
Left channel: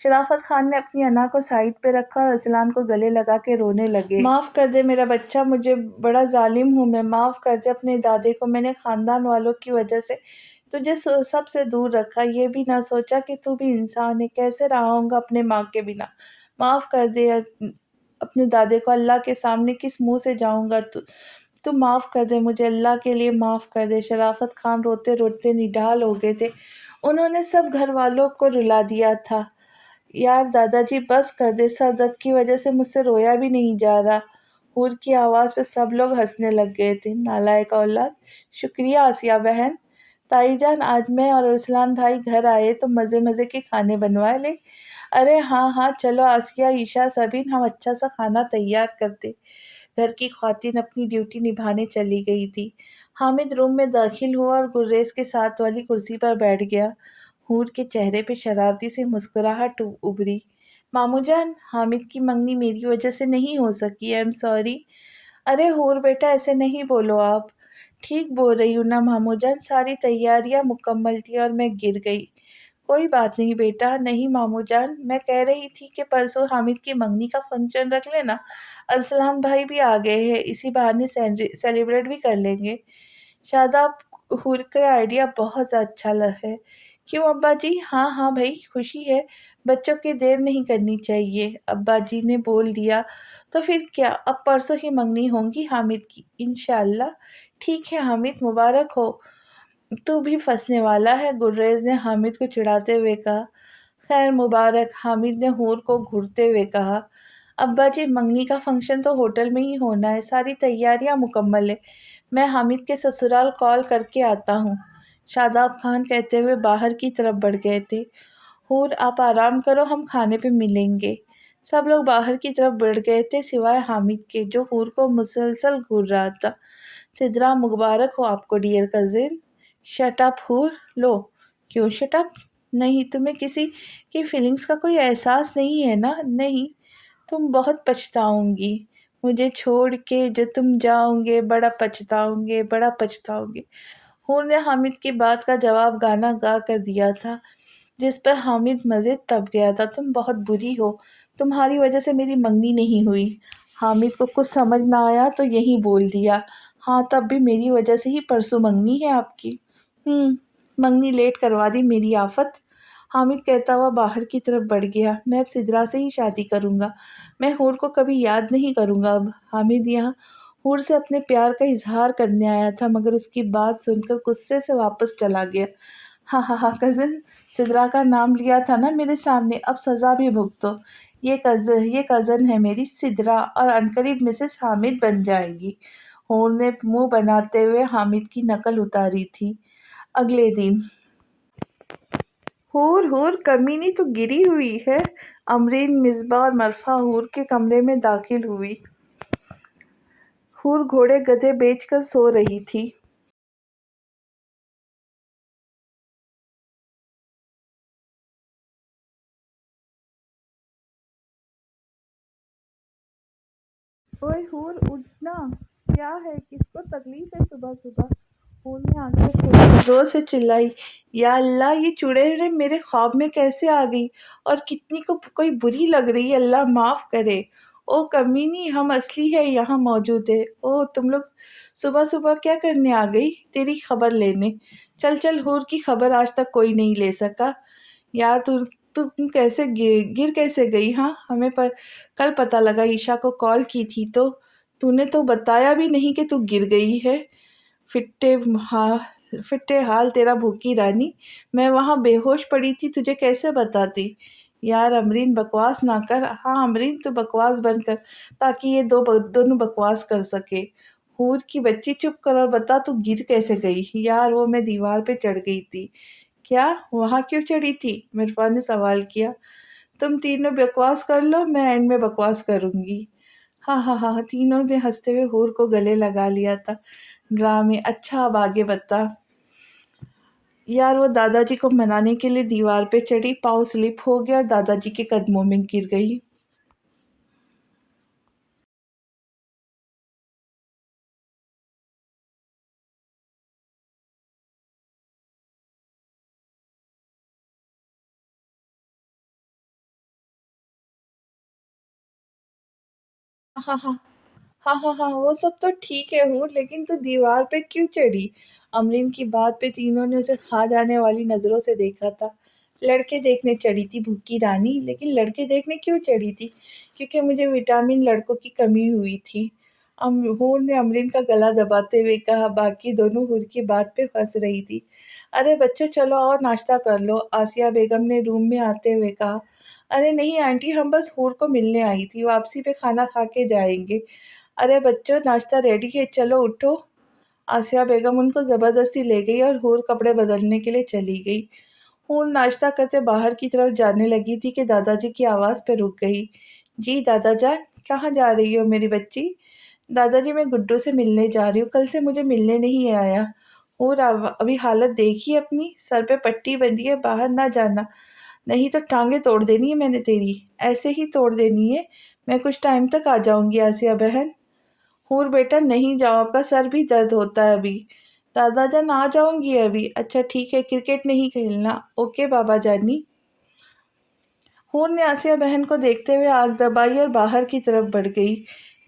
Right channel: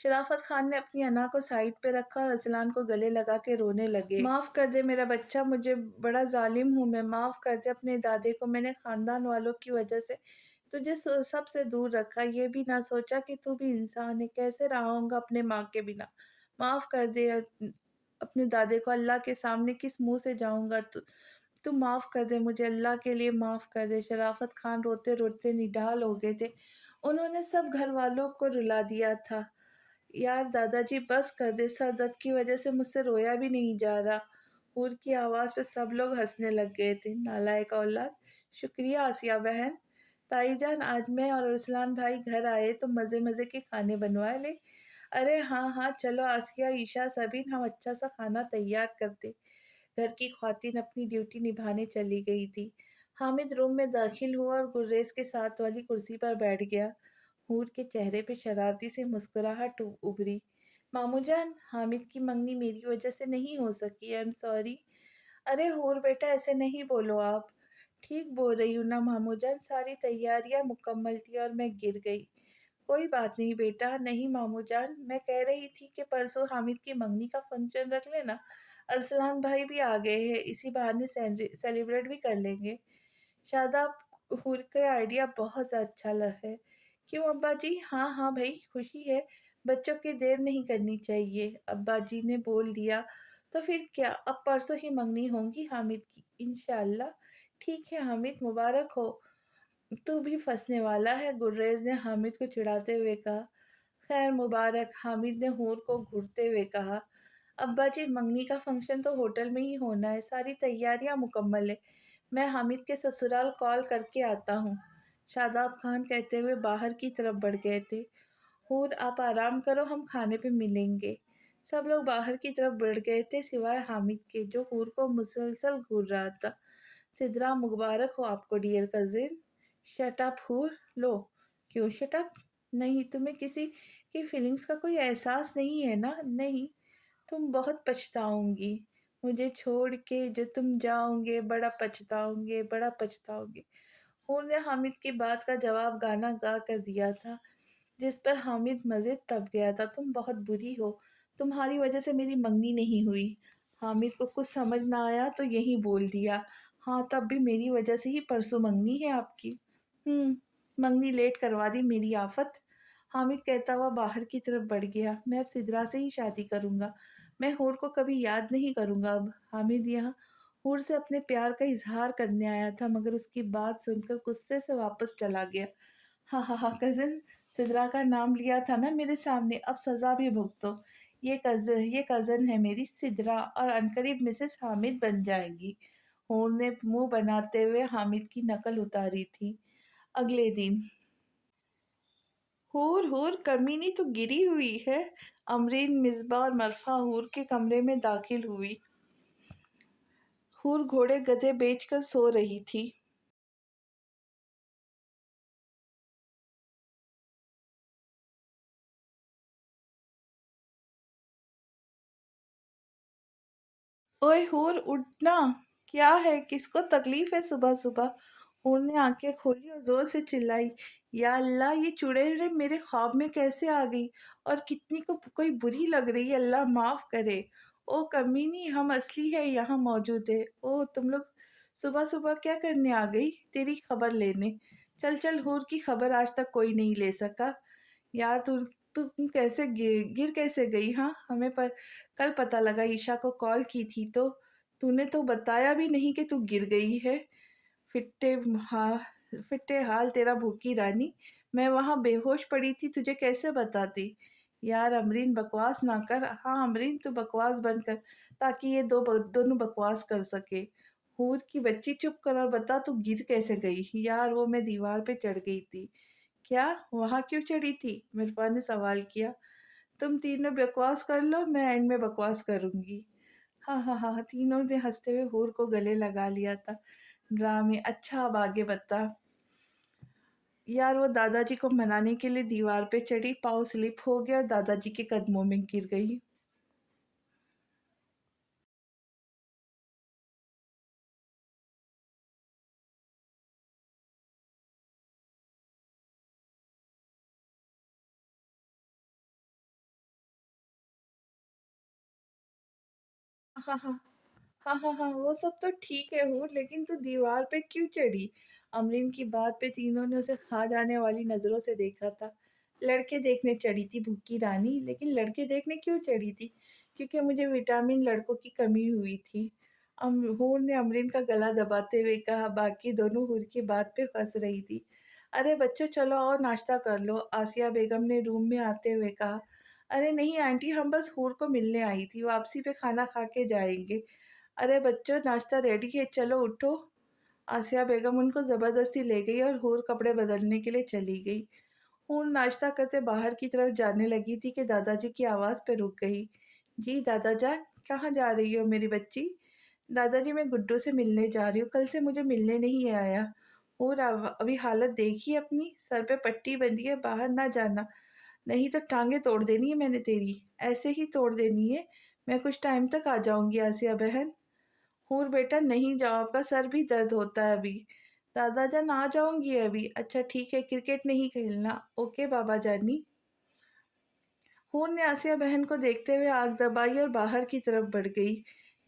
شرافت خان نے اپنی انا کو سائیڈ پہ رکھا اور ارسلان کو گلے لگا کے رونے لگے۔ معاف کر دے میرا بچہ، مجھے بڑا ظالم ہوں میں، معاف کر دے اپنے دادے کو، میں نے خاندان والوں کی وجہ سے تجھے سب سے دور رکھا، یہ بھی نہ سوچا کہ تو بھی انسان ہے، کیسے رہا ہوں گا اپنے ماں کے بنا۔ معاف کر دے اپنے دادے کو، اللہ کے سامنے کس منہ سے جاؤں گا؟ تو معاف کر دے مجھے، اللہ کے لیے معاف کر دے۔ شرافت خان روتے روتے نڈال ہو گئے تھے، انہوں نے سب گھر والوں کو رلا دیا تھا۔ یار دادا جی بس کر دے، سر درد کی وجہ سے مجھ سے رویا بھی نہیں جا رہا۔ حور کی آواز پہ سب لوگ ہنسنے لگ گئے تھے۔ نالائق اولاد! شکریہ آسیہ بہن۔ تائی جان، آج میں اور ارسلان بھائی گھر آئے تو مزے مزے کے کھانے بنوا لے۔ ارے ہاں ہاں چلو آسیہ، عشا، سبین، ہم اچھا سا کھانا تیار کرتے۔ گھر کی خواتین اپنی ڈیوٹی نبھانے چلی گئی تھی۔ حامد روم میں داخل ہوا اور گریز کے ساتھ والی کرسی پر بیٹھ گیا۔ حور کے چہرے پہ شرارتی سی مسکراہٹ ابھری۔ مامو جان، حامد کی منگنی میری وجہ سے نہیں ہو سکی، آئی ایم سوری۔ ارے حور بیٹا، ایسے نہیں بولو آپ۔ ٹھیک بول رہی ہوں نا مامو جان، ساری تیاریاں مکمل تھی اور میں گر گئی۔ کوئی بات نہیں بیٹا۔ نہیں مامو جان، میں کہہ رہی تھی کہ پرسوں حامد کی منگنی کا فنکشن رکھ لینا، ارسلان بھائی بھی آ گئے ہیں، اسی بہانے سیلیبریٹ بھی کر لیں گے۔ شاداب! حور کا آئیڈیا بہت اچھا ہے۔ کیوں ابا جی؟ ہاں ہاں بھائی، خوشی ہے، بچوں کی دیر نہیں کرنی چاہیے، ابا جی نے بول دیا تو پھر کیا، اب پرسوں ہی منگنی ہوگی حامد کی انشاءاللہ۔ ٹھیک ہے حامد، مبارک ہو، تو بھی پھنسنے والا ہے، گریز نے حامد کو چڑھاتے ہوئے کہا۔ خیر مبارک، حامد نے حور کو گھورتے ہوئے کہا۔ ابا جی، منگنی کا فنکشن تو ہوٹل میں ہی ہونا ہے، ساری تیاریاں مکمل ہے، میں حامد کے سسرال کال کر کے آتا ہوں، شاداب خان کہتے ہوئے باہر کی طرف بڑھ گئے تھے۔ حور آپ آرام کرو، ہم کھانے پہ ملیں گے۔ سب لوگ باہر کی طرف بڑھ گئے تھے سوائے حامد کے، جو حور کو مسلسل گھور رہا تھا۔ سدرا مبارک ہو آپ کو ڈیئر کزن۔ شٹ اپ حور۔ لو، کیوں شٹ اپ؟ نہیں، تمہیں کسی کی فیلنگز کا کوئی احساس نہیں ہے نا؟ نہیں، تم بہت پچھتاؤں گی مجھے چھوڑ کے، جو تم جاؤ گے بڑا پچھتاؤں گے، بڑا پچھتاؤں گے۔ حور نے حامد کی بات کا جواب گانا گا کر دیا تھا، جس پر حامد مزید تپ گیا تھا۔ تم بہت بری ہو، تمہاری وجہ سے میری منگنی نہیں ہوئی۔ حامد کو کچھ سمجھ نہ آیا تو یہی بول دیا، ہاں تب بھی میری وجہ سے ہی پرسوں منگنی ہے آپ کی۔ منگنی لیٹ کروا دی میری آفت۔ حامد کہتا ہوا باہر کی طرف بڑھ گیا، میں اب سدرا سے ہی شادی کروں گا، میں حور کو کبھی یاد نہیں کروں گا اب۔ حامد یہاں حور سے اپنے پیار کا اظہار کرنے آیا تھا، مگر اس کی بات سن کر غصے سے واپس چلا گیا۔ ہاں ہاں ہاں کزن، سدرا کا نام لیا تھا نا میرے سامنے، اب سزا بھی بھگتو۔ یہ کزن ہے میری سدرا، اور عنقریب مسز حامد بن جائے گی۔ حور نے منہ بناتے ہوئے حامد کی نقل اتاری تھی۔ اگلے دن حور کمینی تو گری ہوئی ہے۔ امرین، مصباح اور مرفا حور کے کمرے میں داخل ہوئی۔ حور گھوڑے گدھے بیچ کر سو رہی تھی۔ اوئے حور اٹھنا، کیا ہے؟ کس کو تکلیف ہے صبح صبح؟ حور نے آنکھیں کھولی اور زور سے چلائی، یا اللہ یہ چڑیل میرے خواب میں کیسے آ گئی، اور کتنی کو کوئی بری لگ رہی ہے، اللہ معاف کرے۔ او کمینی، ہم اصلی ہے یہاں موجود ہے۔ او تم لوگ صبح صبح کیا کرنے آ گئی؟ تیری خبر لینے۔ چل چل، حور کی خبر آج تک کوئی نہیں لے سکا۔ یار تم کیسے گر کیسے گئی؟ ہاں ہمیں کل پتہ لگا، عشاء کو کال کی تھی تو نے تو بتایا بھی نہیں کہ تو گر گئی ہے۔ فٹے حال تیرا بھوکی رانی، میں وہاں بے ہوش پڑی تھی، تجھے کیسے بتاتی؟ یار امرین بکواس نہ کر۔ ہاں امرین تو بکواس بند کر، تاکہ یہ دونوں بکواس کر سکے۔ حور کی بچی چپ کر اور بتا تو گر کیسے گئی؟ یار وہ میں دیوار پہ چڑھ گئی تھی۔ کیا؟ وہاں کیوں چڑھی تھی؟ مرفا نے سوال کیا۔ تم تینوں بکواس کر لو، میں اینڈ میں بکواس کروں گی۔ ہاں ہاں ہاں، تینوں نے ہنستے ہوئے حور کو گلے لگا لیا تھا۔ ڈرامے، اچھا اب آگے بتا۔ یار وہ دادا جی کو منانے کے لیے دیوار پہ چڑھی، پاؤں سلپ ہو گیا اور دادا جی کے قدموں میں گر گئی۔ ہاں ہاں ہاں ہاں ہاں، وہ سب تو ٹھیک ہے حور، لیکن تو دیوار پہ کیوں چڑھی؟ امرین کی بات پہ تینوں نے اسے کھا جانے والی نظروں سے دیکھا تھا۔ لڑکے دیکھنے چڑھی تھی بھوکی رانی، لیکن لڑکے دیکھنے کیوں چڑھی تھی؟ کیونکہ مجھے وٹامن لڑکوں کی کمی ہوئی تھی، حور نے امرین کا گلا دباتے ہوئے کہا۔ باقی دونوں حور کی بات پہ ہنس رہی تھی۔ ارے بچوں چلو اور ناشتہ کر لو، آسیہ بیگم نے روم میں آتے ہوئے کہا۔ ارے نہیں آنٹی، ہم بس حور کو ملنے آئی تھی، واپسی پہ کھانا کھا کے جائیں گے۔ ارے بچوں ناشتہ ریڈی ہے، چلو اٹھو۔ آسیہ بیگم ان کو زبردستی لے گئی اور حور کپڑے بدلنے کے لیے چلی گئی۔ حور ناشتہ کرتے باہر کی طرف جانے لگی تھی کہ دادا جی کی آواز پہ رک گئی۔ جی دادا جان، کہاں جا رہی ہو میری بچی؟ دادا جی میں گڈو سے ملنے جا رہی ہوں، کل سے مجھے ملنے نہیں آیا۔ حور ابھی حالت دیکھی اپنی، سر پہ پٹی بندھی ہے، باہر نہ جانا، نہیں تو ٹانگیں توڑ دینی ہے میں نے تیری، ایسے ہی توڑ دینی ہے۔ میں کچھ ٹائم تک آ جاؤں گی آسیہ بہن۔ حور بیٹا نہیں جاؤ، آپ کا سر بھی درد ہوتا ہے ابھی۔ دادا جان آ جاؤں گی ابھی۔ اچھا ٹھیک ہے، کرکٹ نہیں کھیلنا، اوکے بابا جانی۔ حور نے آسیہ بہن کو دیکھتے ہوئے آنکھ دبائی اور باہر کی طرف بڑھ گئی۔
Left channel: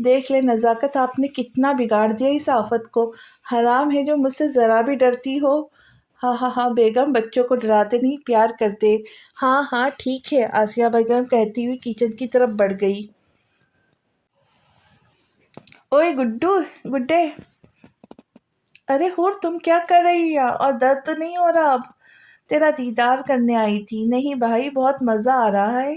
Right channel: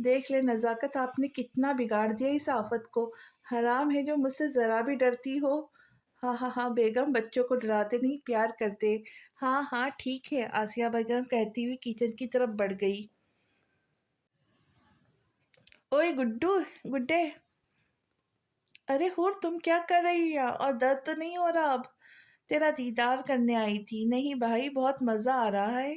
دیکھ لے نزاکت، آپ نے کتنا بگاڑ دیا اس آفت کو، حرام ہے جو مجھ سے ذرا بھی ڈرتی ہو۔ ہاں ہاں ہاں بیگم، بچوں کو ڈراتے نہیں، پیار کرتے۔ ہاں ہاں ٹھیک ہے، آسیہ بیگم کہتی ہوئی کچن کی طرف بڑھ گئی۔ اوئے گڈے، ارے حور تم کیا کر رہی ہے، اور درد تو نہیں ہو رہا اب؟ تیرا دیدار کرنے آئی تھی۔ نہیں بھائی، بہت مزہ آ رہا ہے۔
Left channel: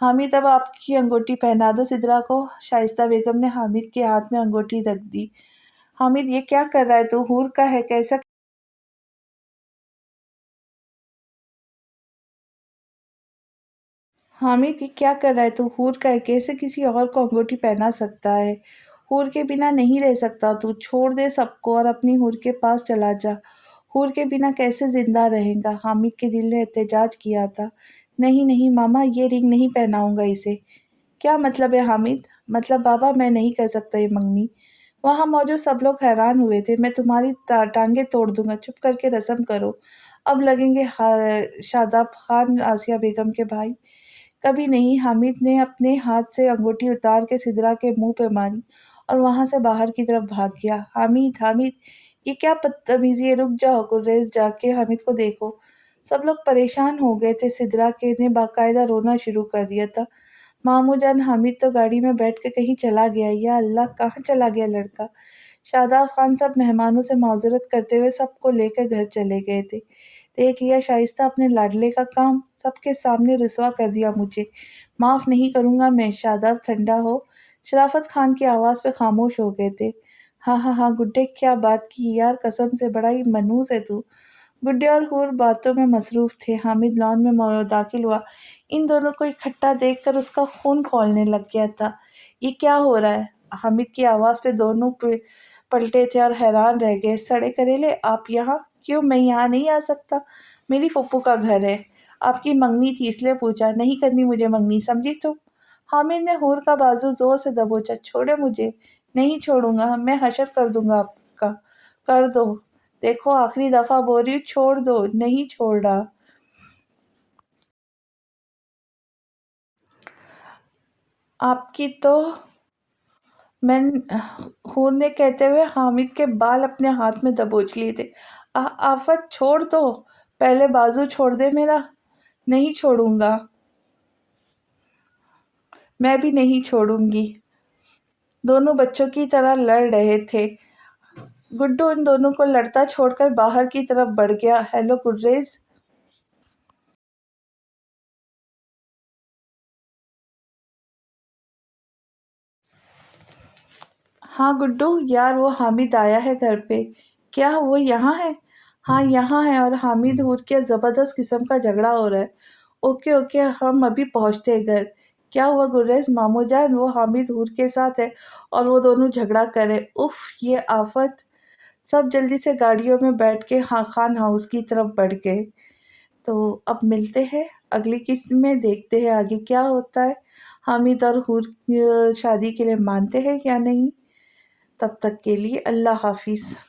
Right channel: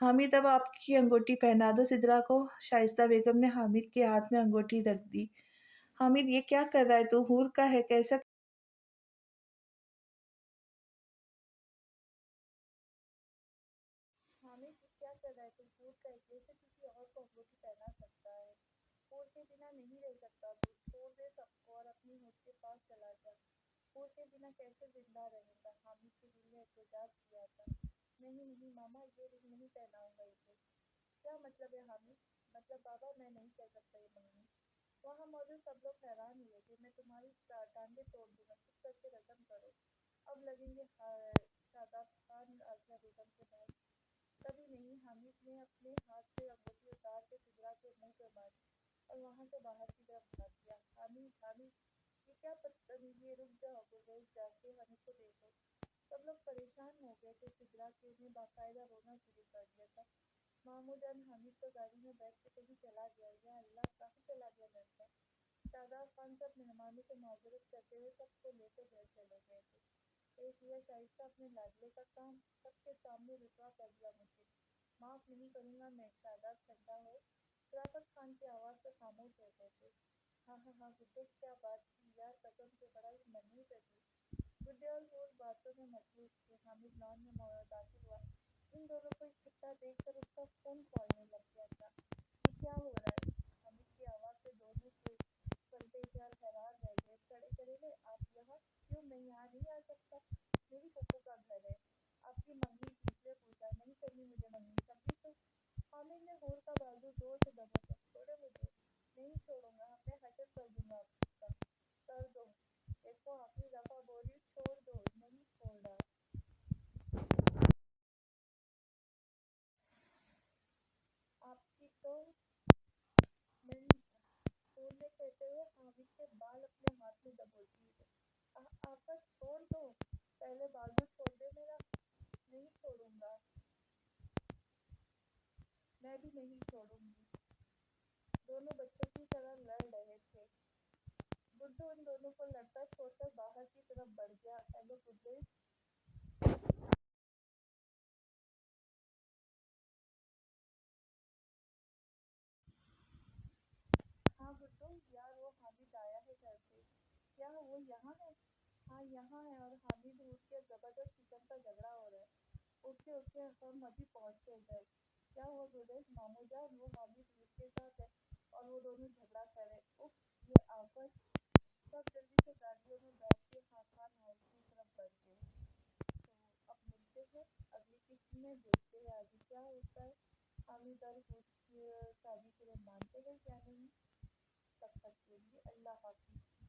حامد اب آپ کی انگوٹھی پہنا دو سدرا کو۔ شائستہ بیگم نے حامد کے ہاتھ میں انگوٹھی رکھ دی۔ حامد یہ کیا کر رہا ہے تو؟ حور کا ہے کیسا؟ حامد یہ کیا کر رہا ہے تو؟ حور کا ہے کیسے کسی اور کو انگوٹھی پہنا سکتا ہے؟ حور کے بنا نہیں رہ سکتا تو؟ چھوڑ دے سب کو اور اپنی حور کے پاس چلا جا۔ حور کے بنا کیسے زندہ رہیں گا؟ حامد کے دل نے احتجاج کیا تھا۔ نہیں نہیں ماما، یہ رنگ نہیں پہناؤں گا اسے۔ کیا مطلب ہے حامد؟ مطلب بابا میں نہیں کر سکتا یہ منگنی۔ وہاں موجود سب لوگ حیران ہوئے تھے۔ میں تمہاری ٹانگیں توڑ دوں گا، چپ کر کے رسم کرو۔ اب لگیں گے شاداب خان آسیہ بیگم کے بھائی؟ کبھی نہیں۔ حامد نے اپنے ہاتھ سے انگوٹھی اتار کے سدرا کے منہ پہ ماری اور وہاں سے باہر کی طرف بھاگ گیا۔ حامد حامد یہ کیا بدتمیزی ہے؟ رک جاؤ گریز، جا کے حامد کو دیکھو۔ سب لوگ پریشان ہو گئے تھے۔ سدرا کے نے باقاعدہ رونا شروع کر دیا تھا۔ ماموں جان، حامد تو گاڑی میں بیٹھ کے کہیں چلا گیا۔ یا اللہ، کہاں چلا گیا لڑکا؟ شاداب خان سب مہمانوں سے معذرت کرتے ہوئے سب کو لے کر گھر چلے گئے تھے۔ دیکھ لیا شائستہ اپنے لاڈلے کا کام؟ سب کے سامنے رسوا کر دیا مجھے۔ معاف نہیں کروں گا میں۔ شاداب ٹھنڈا ہو۔ شرافت خان کی آواز پہ خاموش ہو گئے تھے۔ ہاں ہاں ہاں گڈے، کیا بات کی یار، قسم سے بڑا ہی منحوس ہے تو۔ گڈے اور حور باتوں میں مصروف تھے۔ حامد لان میں داخل ہوا۔ ان دونوں کو اکٹھا دیکھ کر اس کا خون کھولنے لگ گیا تھا۔ یہ کیا ہو رہا ہے؟ حامد کی آواز پہ دونوں پلٹے تھے اور حیران رہ گئے۔ سڑے کریلے، آپ یہاں کیوں؟ میں یہاں نہیں آ سکتا، میری پھپھو کا گھر ہے۔ آپ کی منگنی تھی اس لیے پوچھا۔ نہیں کرنی مجھے منگنی، سمجھی تم؟ حامد نے حور کا بازو زور سے دبوچا۔ چھوڑے مجھے۔ نہیں چھوڑوں گا، میں حشر کر دوں گا آپ کا۔ کر دو، دیکھو آخری دفعہ بول رہی ہوں، چھوڑ دو۔ نہیں چھوڑ رہا۔ آپ کی تو میں حور نے کہتے ہوئے حامد کے بال اپنے ہاتھ میں دبوچ لیے تھے۔ آفت، چھوڑ دو، پہلے بازو چھوڑ دے میرا۔ نہیں چھوڑوں گا۔ میں بھی نہیں چھوڑوں گی۔ دونوں بچوں کی طرح لڑ رہے تھے۔ گڈو ان دونوں کو لڑتا چھوڑ کر باہر کی طرف بڑھ گیا۔ ہیلو گریز۔ ہاں گڈو یار، وہ حامد آیا ہے گھر پہ۔ کیا وہ یہاں ہے؟ ہاں یہاں ہے، اور حامد حور کے زبردست قسم کا جھگڑا ہو رہا ہے۔ اوکے اوکے، ہم ابھی پہنچتے ہیں گھر۔ کیا ہوا گریز؟ ماموں جان، وہ حامد حور کے ساتھ ہے اور وہ دونوں جھگڑا کرے۔ اف، یہ آفت۔ سب جلدی سے گاڑیوں میں بیٹھ کے خان ہاؤس کی طرف بڑھ گئے۔ تو اب ملتے ہیں اگلی قسط میں، دیکھتے ہیں آگے کیا ہوتا ہے۔ حامد اور حور شادی کے لیے مانتے ہیں یا نہیں؟ تب تک کے لیے اللہ حافظ۔